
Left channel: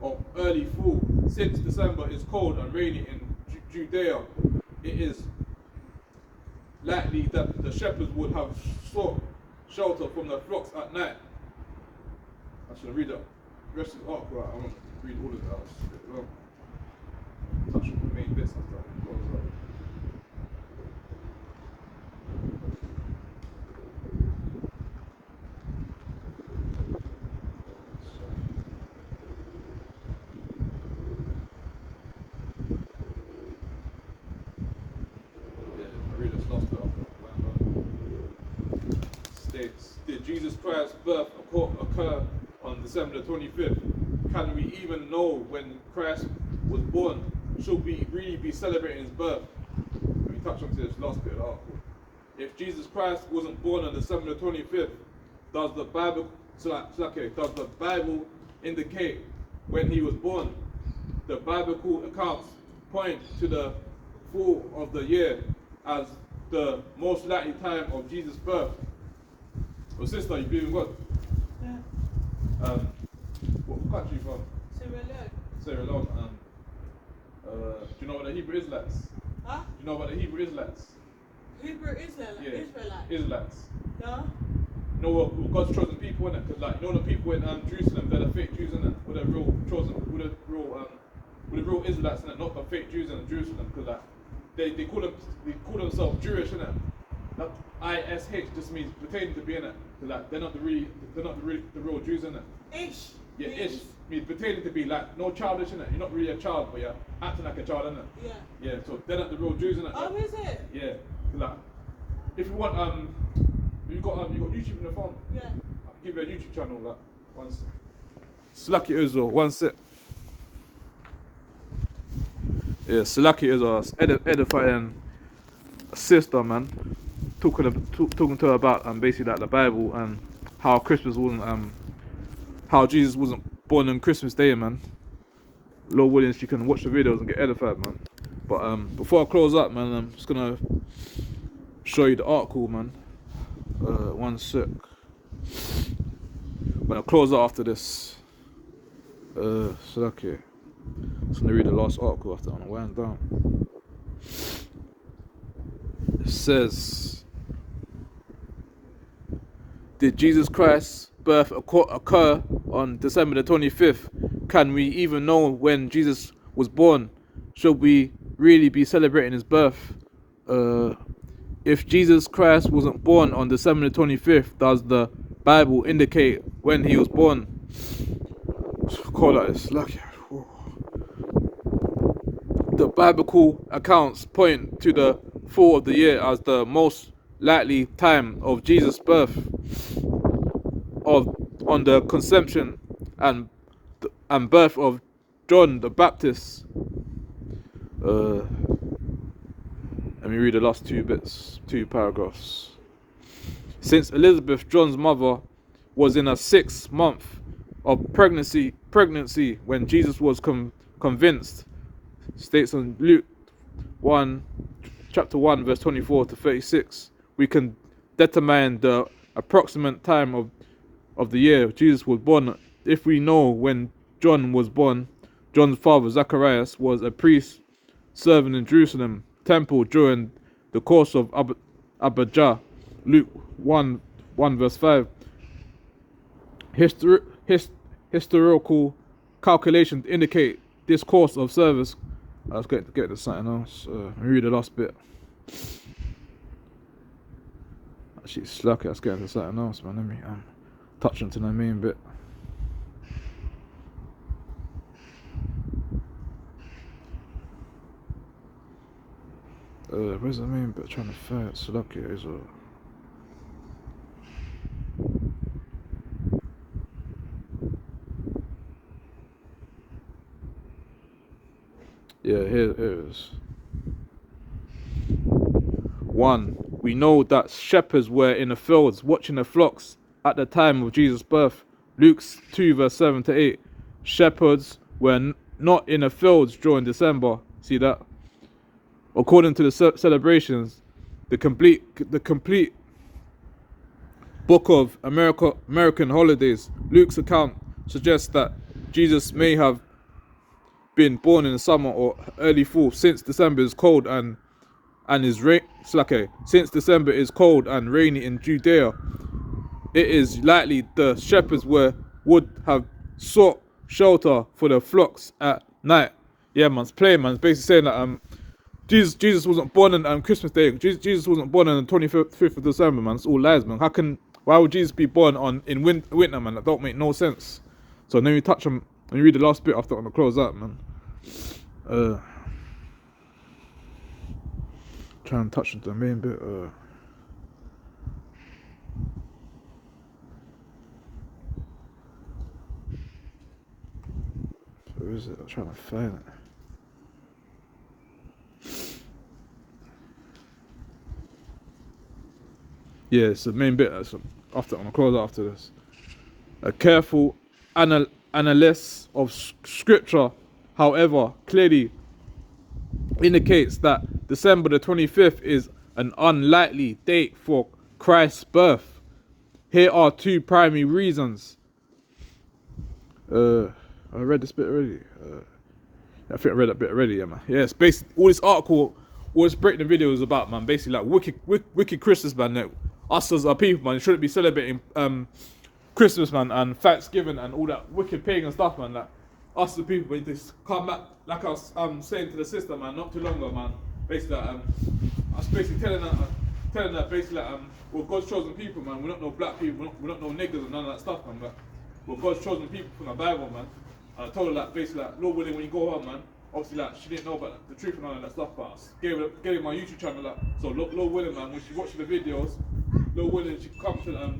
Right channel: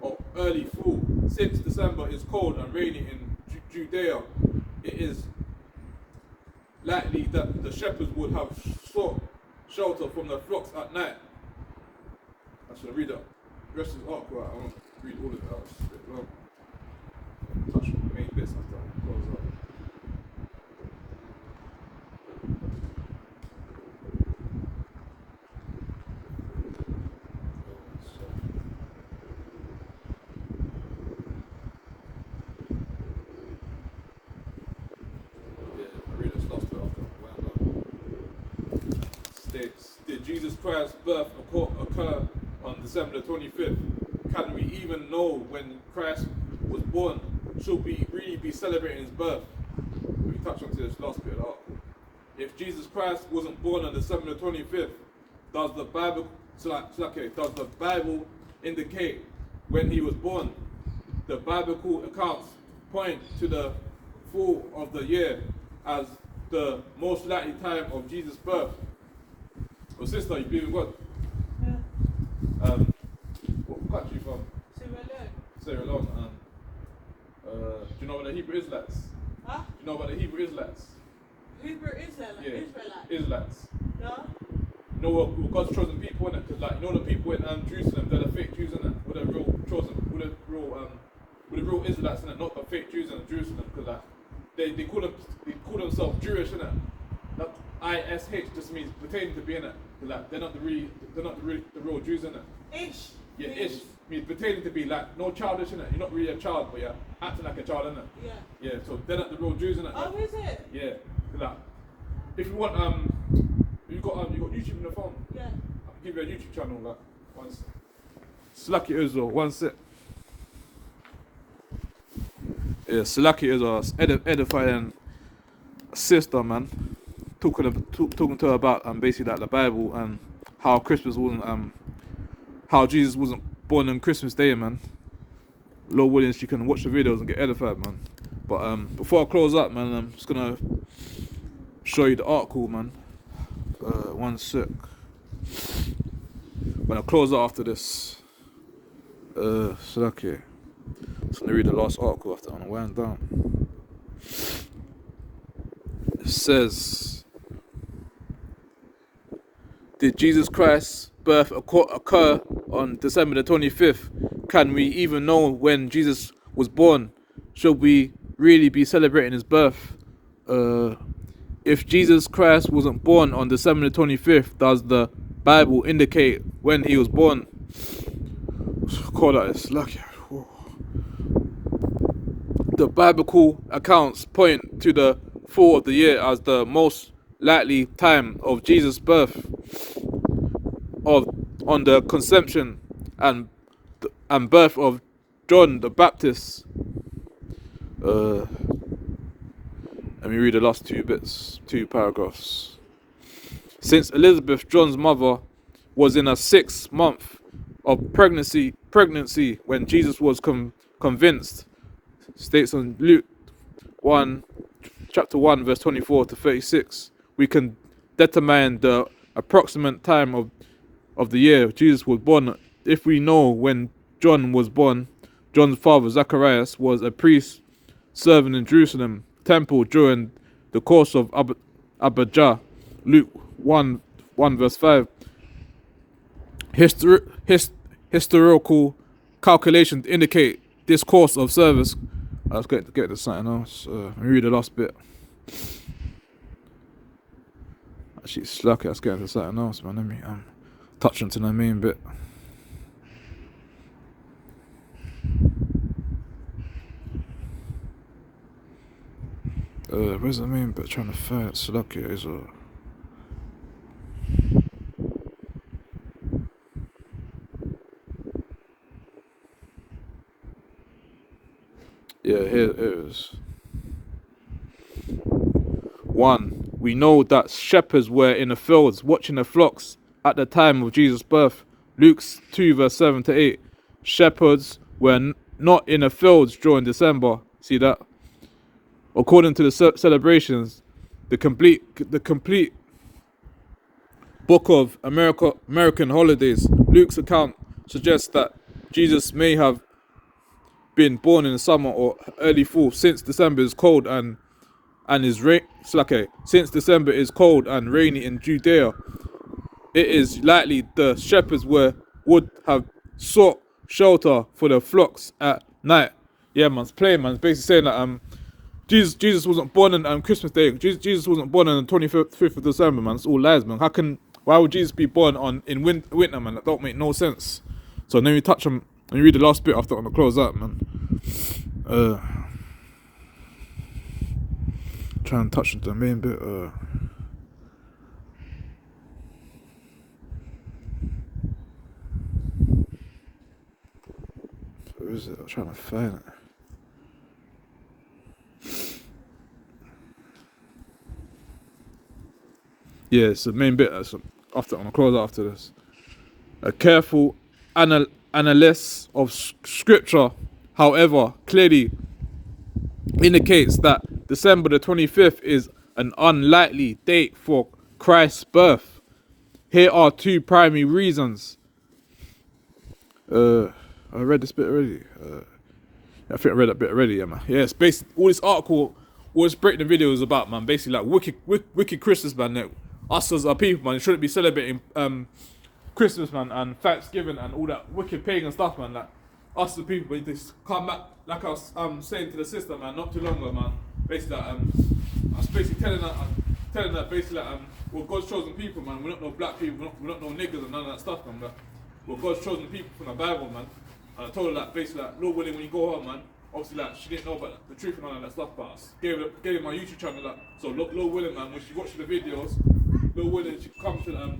or early fall. Since December is cold and rainy in Judea, it is likely that the shepherds would have sought shelter from the flocks at night. I should read that. The rest of the article, I won't read all of it out. It's a bit long. Touch the main bits after it goes up. Did Jesus Christ's birth occur on December the 25th? Can we even know when Christ was born? Should we really be celebrating his birth? Let me touch on to this last bit of the article. If Jesus Christ wasn't born on December the 25th, does the Bible indicate when he was born? The biblical accounts point to the fall of the year as the most likely time of Jesus' birth. Well, sister, you believe in God? Yeah. What country you from? Sierra Leone. Do you know about the Hebrew Israelites? Huh? Do you know about the Hebrew Israelites? Hebrew Israelites? Yeah. Israelites. Israelites. No? You know what God's chosen people in it? Because like, you know the people in Jerusalem, they're the fake Jews in it. With the real chosen, with the real Israelites in it, not the fake Jews in Jerusalem. Because like they call themselves Jewish in it. That ISH just means pretending to be in it. Like they're not the real Jews in it. Ish. Yeah, ish means pretending to be like no childish in it. You're not really a child, but you're acting like a child in it. Yeah. Yeah, so they're not the real Jews in it. Oh, is it? Yeah. Like if you want you got YouTube in the phone. Yeah. I can give you a YouTube channel like one sec. Slacky Israel, one sec. Yeah, Slacky is a edifying sister, man. talking to her about basically like the Bible and how Christmas wasn't how Jesus wasn't born on Christmas Day, man. Lord willing, she can watch the videos and get edified, man. But before I close up, man, I'm just gonna show you the article, man. One sec. When I close out after this, so okay. I'm just gonna read the last article after I'm gonna wind down. It says, did Jesus Christ's birth occur on December the 25th? Can we even know when Jesus was born? Should we really be celebrating his birth? If Jesus Christ wasn't born on December the 25th, does the Bible indicate when he was born? Call that is lucky. The biblical accounts point to the fall of the year as the most likely time of Jesus' birth, on the conception and birth of John the Baptist. Let me read the last two paragraphs. Since Elizabeth, John's mother, was in her 6th month of pregnancy when Jesus was convinced, states on Luke 1, chapter 1, verse 24 to 36, we can determine the approximate time of the year Jesus was born. If we know when John was born, John's father Zacharias was a priest serving in Jerusalem temple during the course of Abijah. Luke 1 verse 5. Historical calculations indicate this course of service. Let's get to something else. Let me read the last bit. Actually, it's lucky. Let's get into something else, man. Let me touch into the main bit. Where's the main bit? Trying to find it. Lucky is yeah, here it is. 1. We know that shepherds were in the fields watching the flocks at the time of Jesus' birth. Luke 2 verse 7 to 8. Shepherds were not in the fields during December. See that? According to the celebrations, the complete book of American holidays, Luke's account suggests that Jesus may have been born in the summer or early fall, since December is cold and since December is cold and rainy in Judea. It is likely the shepherds would have sought shelter for their flocks at night. Yeah, man's playing, man. It's basically saying that Jesus wasn't born on Christmas Day. Jesus wasn't born on the 25th of December, man. It's all lies, man. Why would Jesus be born in winter, man? That don't make no sense. So let me read the last bit after I'm gonna close up, man. Try and touch the main bit. Where is it? I'm trying to find it. Yeah, it's the main bit. After I'm gonna close after this. A careful analysis of scripture, however, clearly indicates that December the 25th is an unlikely date for Christ's birth. Here are 2 primary reasons. I read this bit already. I think I read that bit already, yeah, man. Yeah, it's basically all this article, all this breakdown video is about, man. Basically, like wicked Christmas, man. Like, us as a people, man, shouldn't be celebrating Christmas, man, and Thanksgiving and all that wicked pagan stuff, man. Like, us as a people, we just come back, like I was saying to the sister, man, not too long ago, man. Basically, I was basically telling her, basically, we're God's chosen people, man. We're not no black people, we're not no niggas and none of that stuff, man. But we're God's chosen people from the Bible, man. And I told her that, basically, like, Lord willing, when you go home, man, obviously, like, she didn't know about the truth and all that stuff, but I gave her my YouTube channel, like, so Lord willing, man, when she watches the videos, Lord willing, she come to the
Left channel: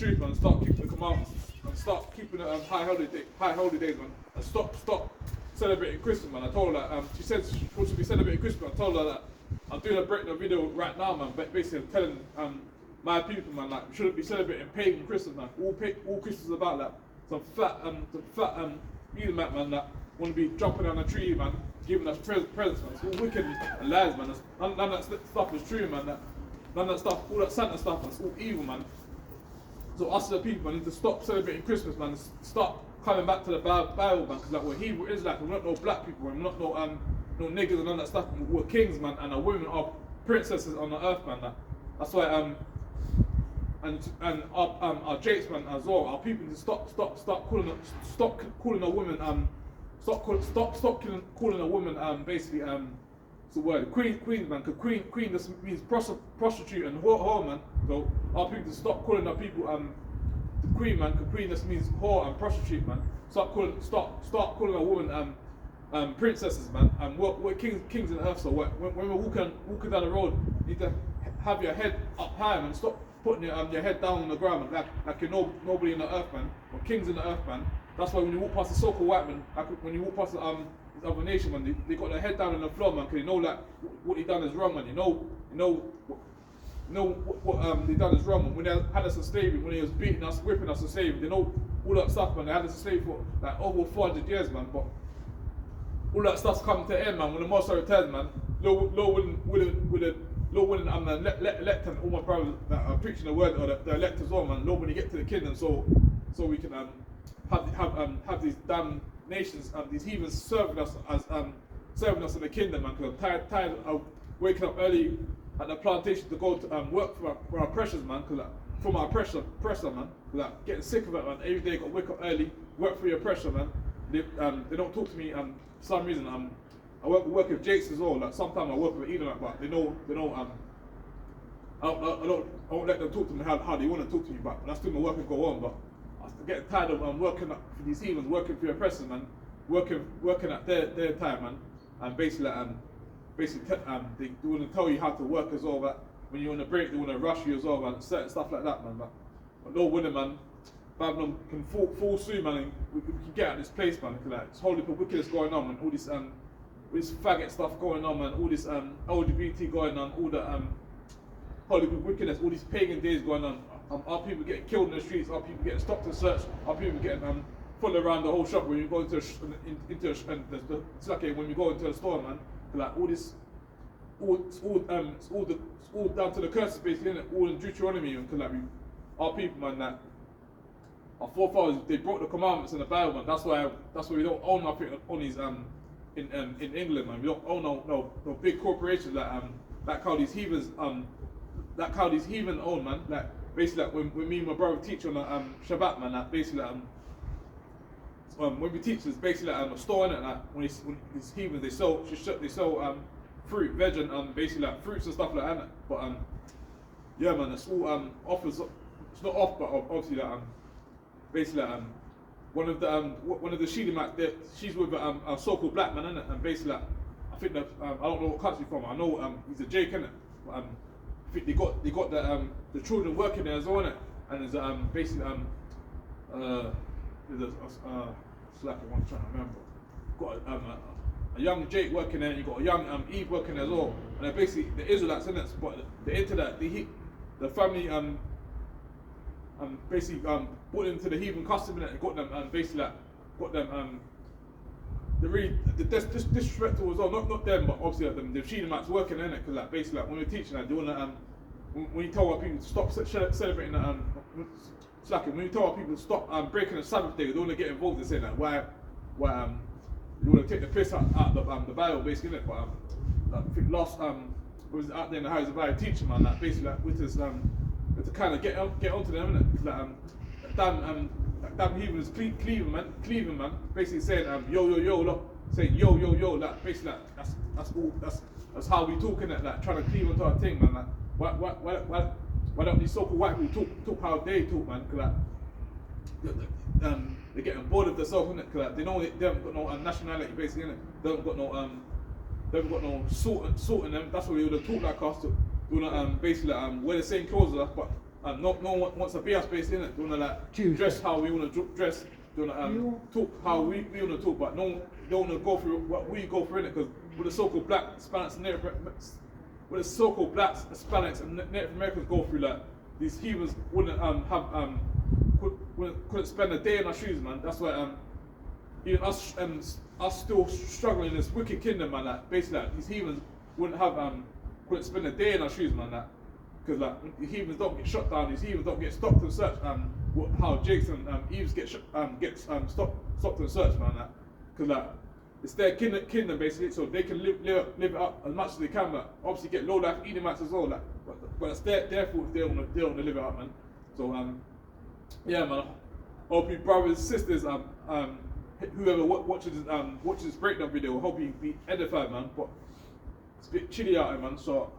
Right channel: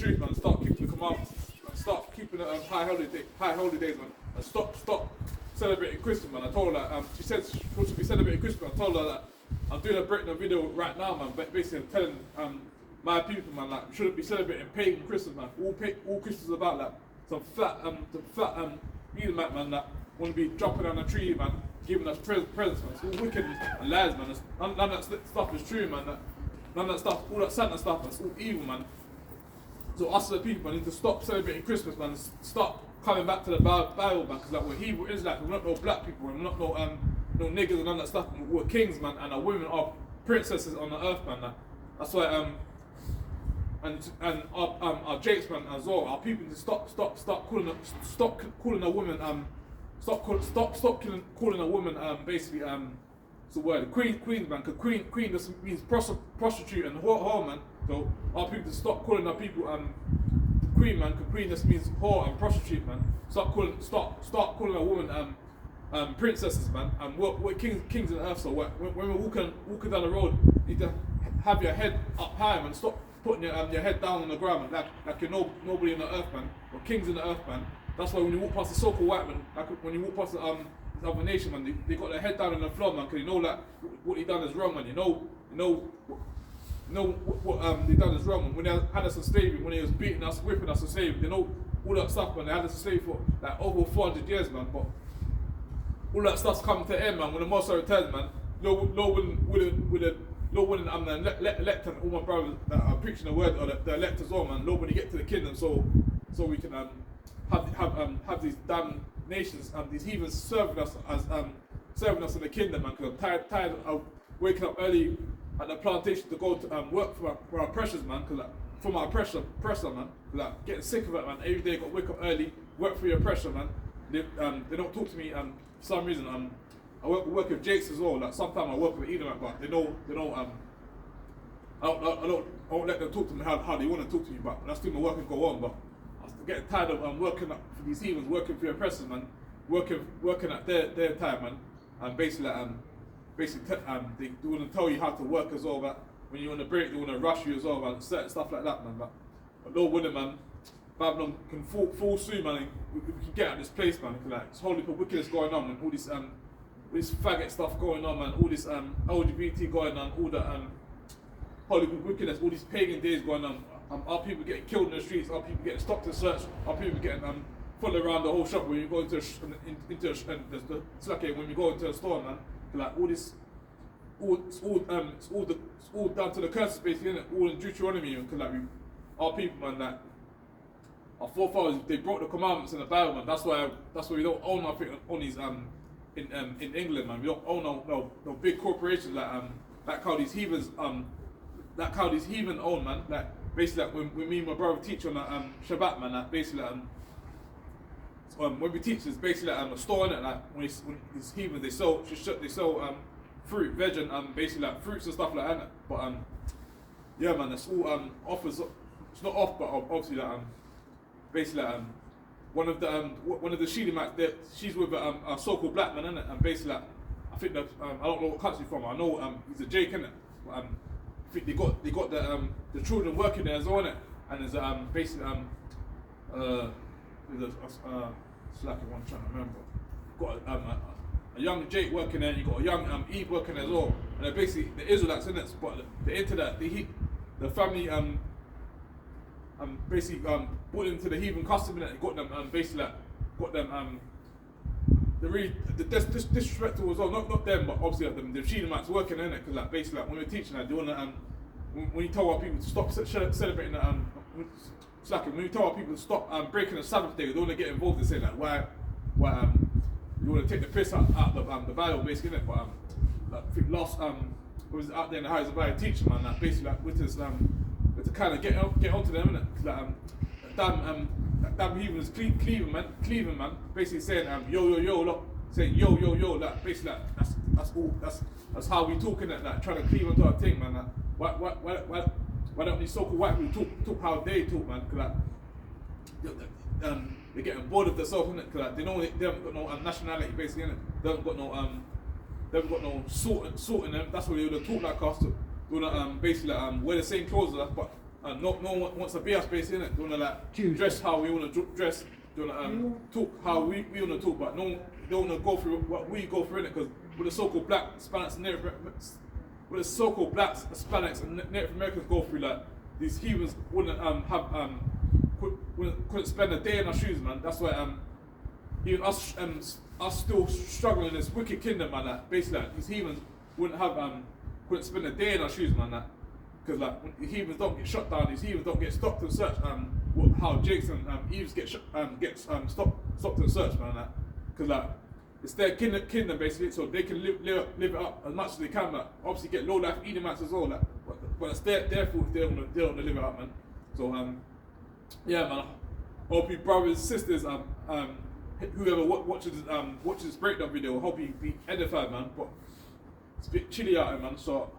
truth, man, start keeping the commandments, and start keeping the high holidays, man, and stop celebrating Christmas, man. I told her that, she said she wants to be celebrating Christmas, I told her that I'm doing a breakdown video right now, man. But basically, I'm telling my people, man, like we shouldn't be celebrating pagan Christmas, man. All Christmas about like some flat heathen man that want to be jumping on a tree, man, giving us presents, man. It's all wicked and lies, man. None of that stuff is true, man. None of that stuff, all that Santa stuff, man, it's all evil, man. So us as the people, man, need to stop celebrating Christmas, man, and start coming back to the Bible, man, because like we're Hebrew Israelites, we're not no black people, we're not no niggas and none of that stuff. We're kings, man, and our women are princesses on the earth, man. That's why and our Jakes, man, as well. Our people need to stop calling a woman stop calling a woman basically it's the word queen, man, because queen just means prostitute and whore, man. So our people to stop calling our people the queen, man, because queen just means whore and prostitute, man. Start calling a woman princesses, man. We're kings on earth. So when we're walking down the road, you need to have your head up high, man. Stop putting your head down on the ground, man, like you're nobody in the earth, man. We're kings in the earth, man. That's why when you walk past the so-called white man, like when you walk past this other nation, man, they got their head down on the floor, man, because you know that what they done is wrong, man. You know what they done is wrong, man. When they had us in slavery, when they was beating us, whipping us in slavery, they know all that stuff, man. They had us in slavery for like over 400 years, man. But all that stuff's coming to an end, man. When the Messiah returns, man, Lord willing, I'm the elect and all my brothers that are preaching the word, or the elect as well, man. Lord, when you get to the kingdom, so we can have these damn nations, these heathens serving us in the kingdom, man. Because I'm tired of waking up early at the plantation to go to work for our pressures, man. Because from our pressure, man. Because getting sick of it, man. Every day got to wake up early, work for your pressure, man. They don't talk to me for some reason. I work with Jakes as well. Like sometimes I work with heathen, but they know. I don't let them talk to me how they want to talk to me. But that's still my work and go on. But I'm getting tired of working for these heathens, working for your oppressors, man. Working at their time, man. And basically they want to tell you how to work as well. But when you're on a break, they want to rush you as well, man. Certain stuff like that, man. But Lord willing, man, Babylon can fall soon, man. And we can get out of this place, man. Like it's whole heap of wickedness going on, man. All this faggot stuff going on, man. All this LGBT going on. All the holy wickedness. All these pagan days going on. Our people getting killed in the streets. Our people getting stopped and searched. Our people getting followed around the whole shop when you go into it's like when you go into a store, man. Like all this, it's all down to the curses, basically, innit? All in Deuteronomy, and like our people, man, that our forefathers, they broke the commandments in the Bible, man. That's why we don't own nothing on these in England, man. We don't own no big corporations like how these heathens like how these heathen own, man. Like basically, like when me and my brother teach on Shabbat, man. Like basically, when we teach, it's basically like a store, innit? Like when these heathens, they sell fruit, veg, and basically like fruits and stuff like that, innit? But yeah, man, it's all offers. It's not off, but obviously like basically like, one of the Shedemites, she's with a so-called black man, innit? And basically like, I think that I don't know what country from. I know he's a Jake, innit? But I think they got the children working there as well, innit? And there's basically there's slacking one, trying to remember. Got a young Jake working there, and you got a young Eve working there as well. And they're basically the Israelites, innit? But they're into that. The family basically brought them to the heathen custom, and got them basically like, got them the disrespectful as well. Not them, but obviously like, the Shedemites working in it, because like basically like, when we're teaching that, they wanna when you tell our people to stop celebrating slacking, when you tell our people to stop breaking the Sabbath day, they don't want to get involved in saying that why you want to take the piss out the Bible, basically, innit? But like, I think last was out there in the house about a teacher, man, like basically like with this to kind of get onto them, innit? Like damn heathens Cleveland man, basically saying yo, look, saying yo, like basically like, that's how we talking it, like trying to cleave onto our thing, man. Like why don't these so-called white people talk how they talk, man? Cause like they're getting bored of themselves, innit? Cause like, they know they haven't got no nationality, basically, innit? They haven't got no salt in them. That's why they would talk like us. They wanna basically wear the same clothes as us, but no one wants to be us, basically, innit? They wanna like dress how we wanna dress. They wanna talk how we wanna talk, but they wanna go through what we go through, innit? Because with the so-called black, Spanish, what the so-called blacks, Hispanics, and Native Americans go through, like these heathens wouldn't couldn't spend a day in our shoes, man. That's why even us still struggling in this wicked kingdom, man. Like basically, like, these heathens couldn't spend a day in our shoes, man. Like, because like the heathens don't get shot down, these heathens don't get stopped and searched. How Jake's and Eve's get stopped and searched, man. Like, because like it's their kingdom basically, so they can live it up as much as they can. Like, obviously get low life Edomites as well. Like, but it's their fault if they don't want to live it up, man. So yeah, man. Hope you brothers and sisters, whoever watches this breakdown video, hope you be edified, man. But it's a bit chilly out here, man. So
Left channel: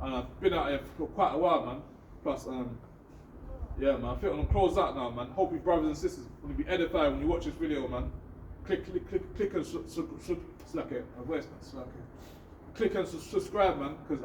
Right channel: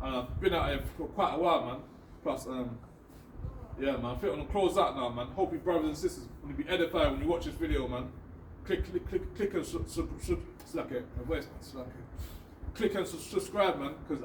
I've been out here for quite a while, man. Plus, yeah, man. I think I'm gonna close out now, man. Hope you brothers and sisters will be edified when you watch this video, man. Click and slack it. My voice, man. Slack it. Click and subscribe, man, because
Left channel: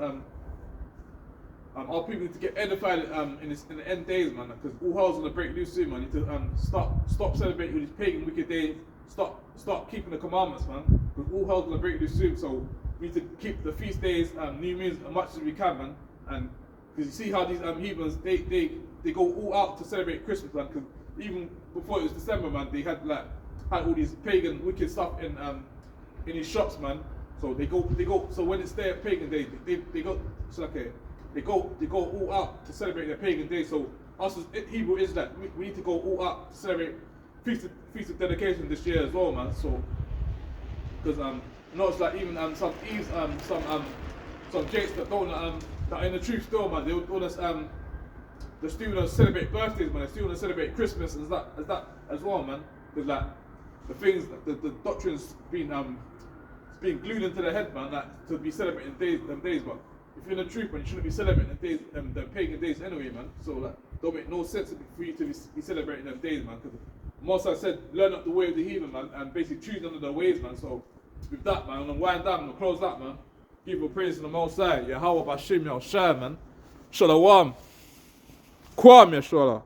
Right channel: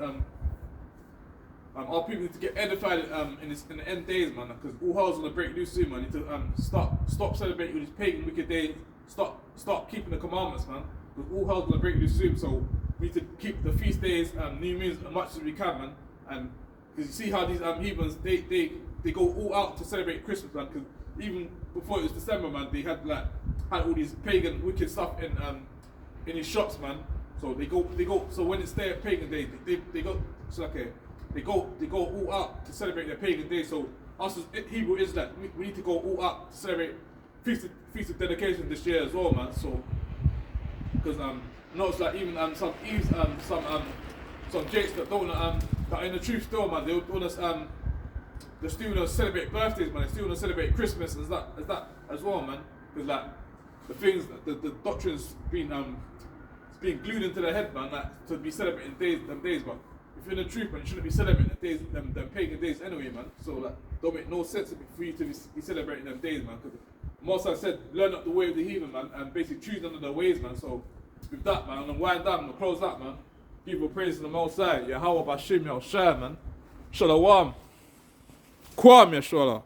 our people need to get edified in the end days, man. Because all hell's gonna break loose soon, man. Need to stop celebrating these pagan wicked days. Start keeping the commandments, man. Because all hell's gonna break loose soon. So we need to keep the feast days, new moons as much as we can, man. And because you see how these heathens they go all out to celebrate Christmas, man. Because even before it was December, man, they had all these pagan wicked stuff in these shops, man. So they go. So when it's their pagan day, they go. So okay, they go all out to celebrate their pagan day. So us as Hebrew Israelites, we need to go all out to celebrate feast of dedication this year as well, man. So because no, it's like even some Eves, some Jakes that don't that are in the truth still, man. They want us they still want to celebrate birthdays, man. They still want to celebrate Christmas and that as well, man. Because like the things, the doctrine's been glued into their head, man. Like to be celebrating them days, but if you're in the truth, man, you shouldn't be celebrating the pagan days anyway, man. So like, don't make no sense for you to be celebrating them days, man. Because most I said, learn up the way of the heathen, man, and basically choose under their ways, man. So with that, man, I'm gonna wind down, I'm gonna close that, man. Give a praise to the Most High. Yahweh Bashim Yahshua, man. Shalom. Kwam Yahshua.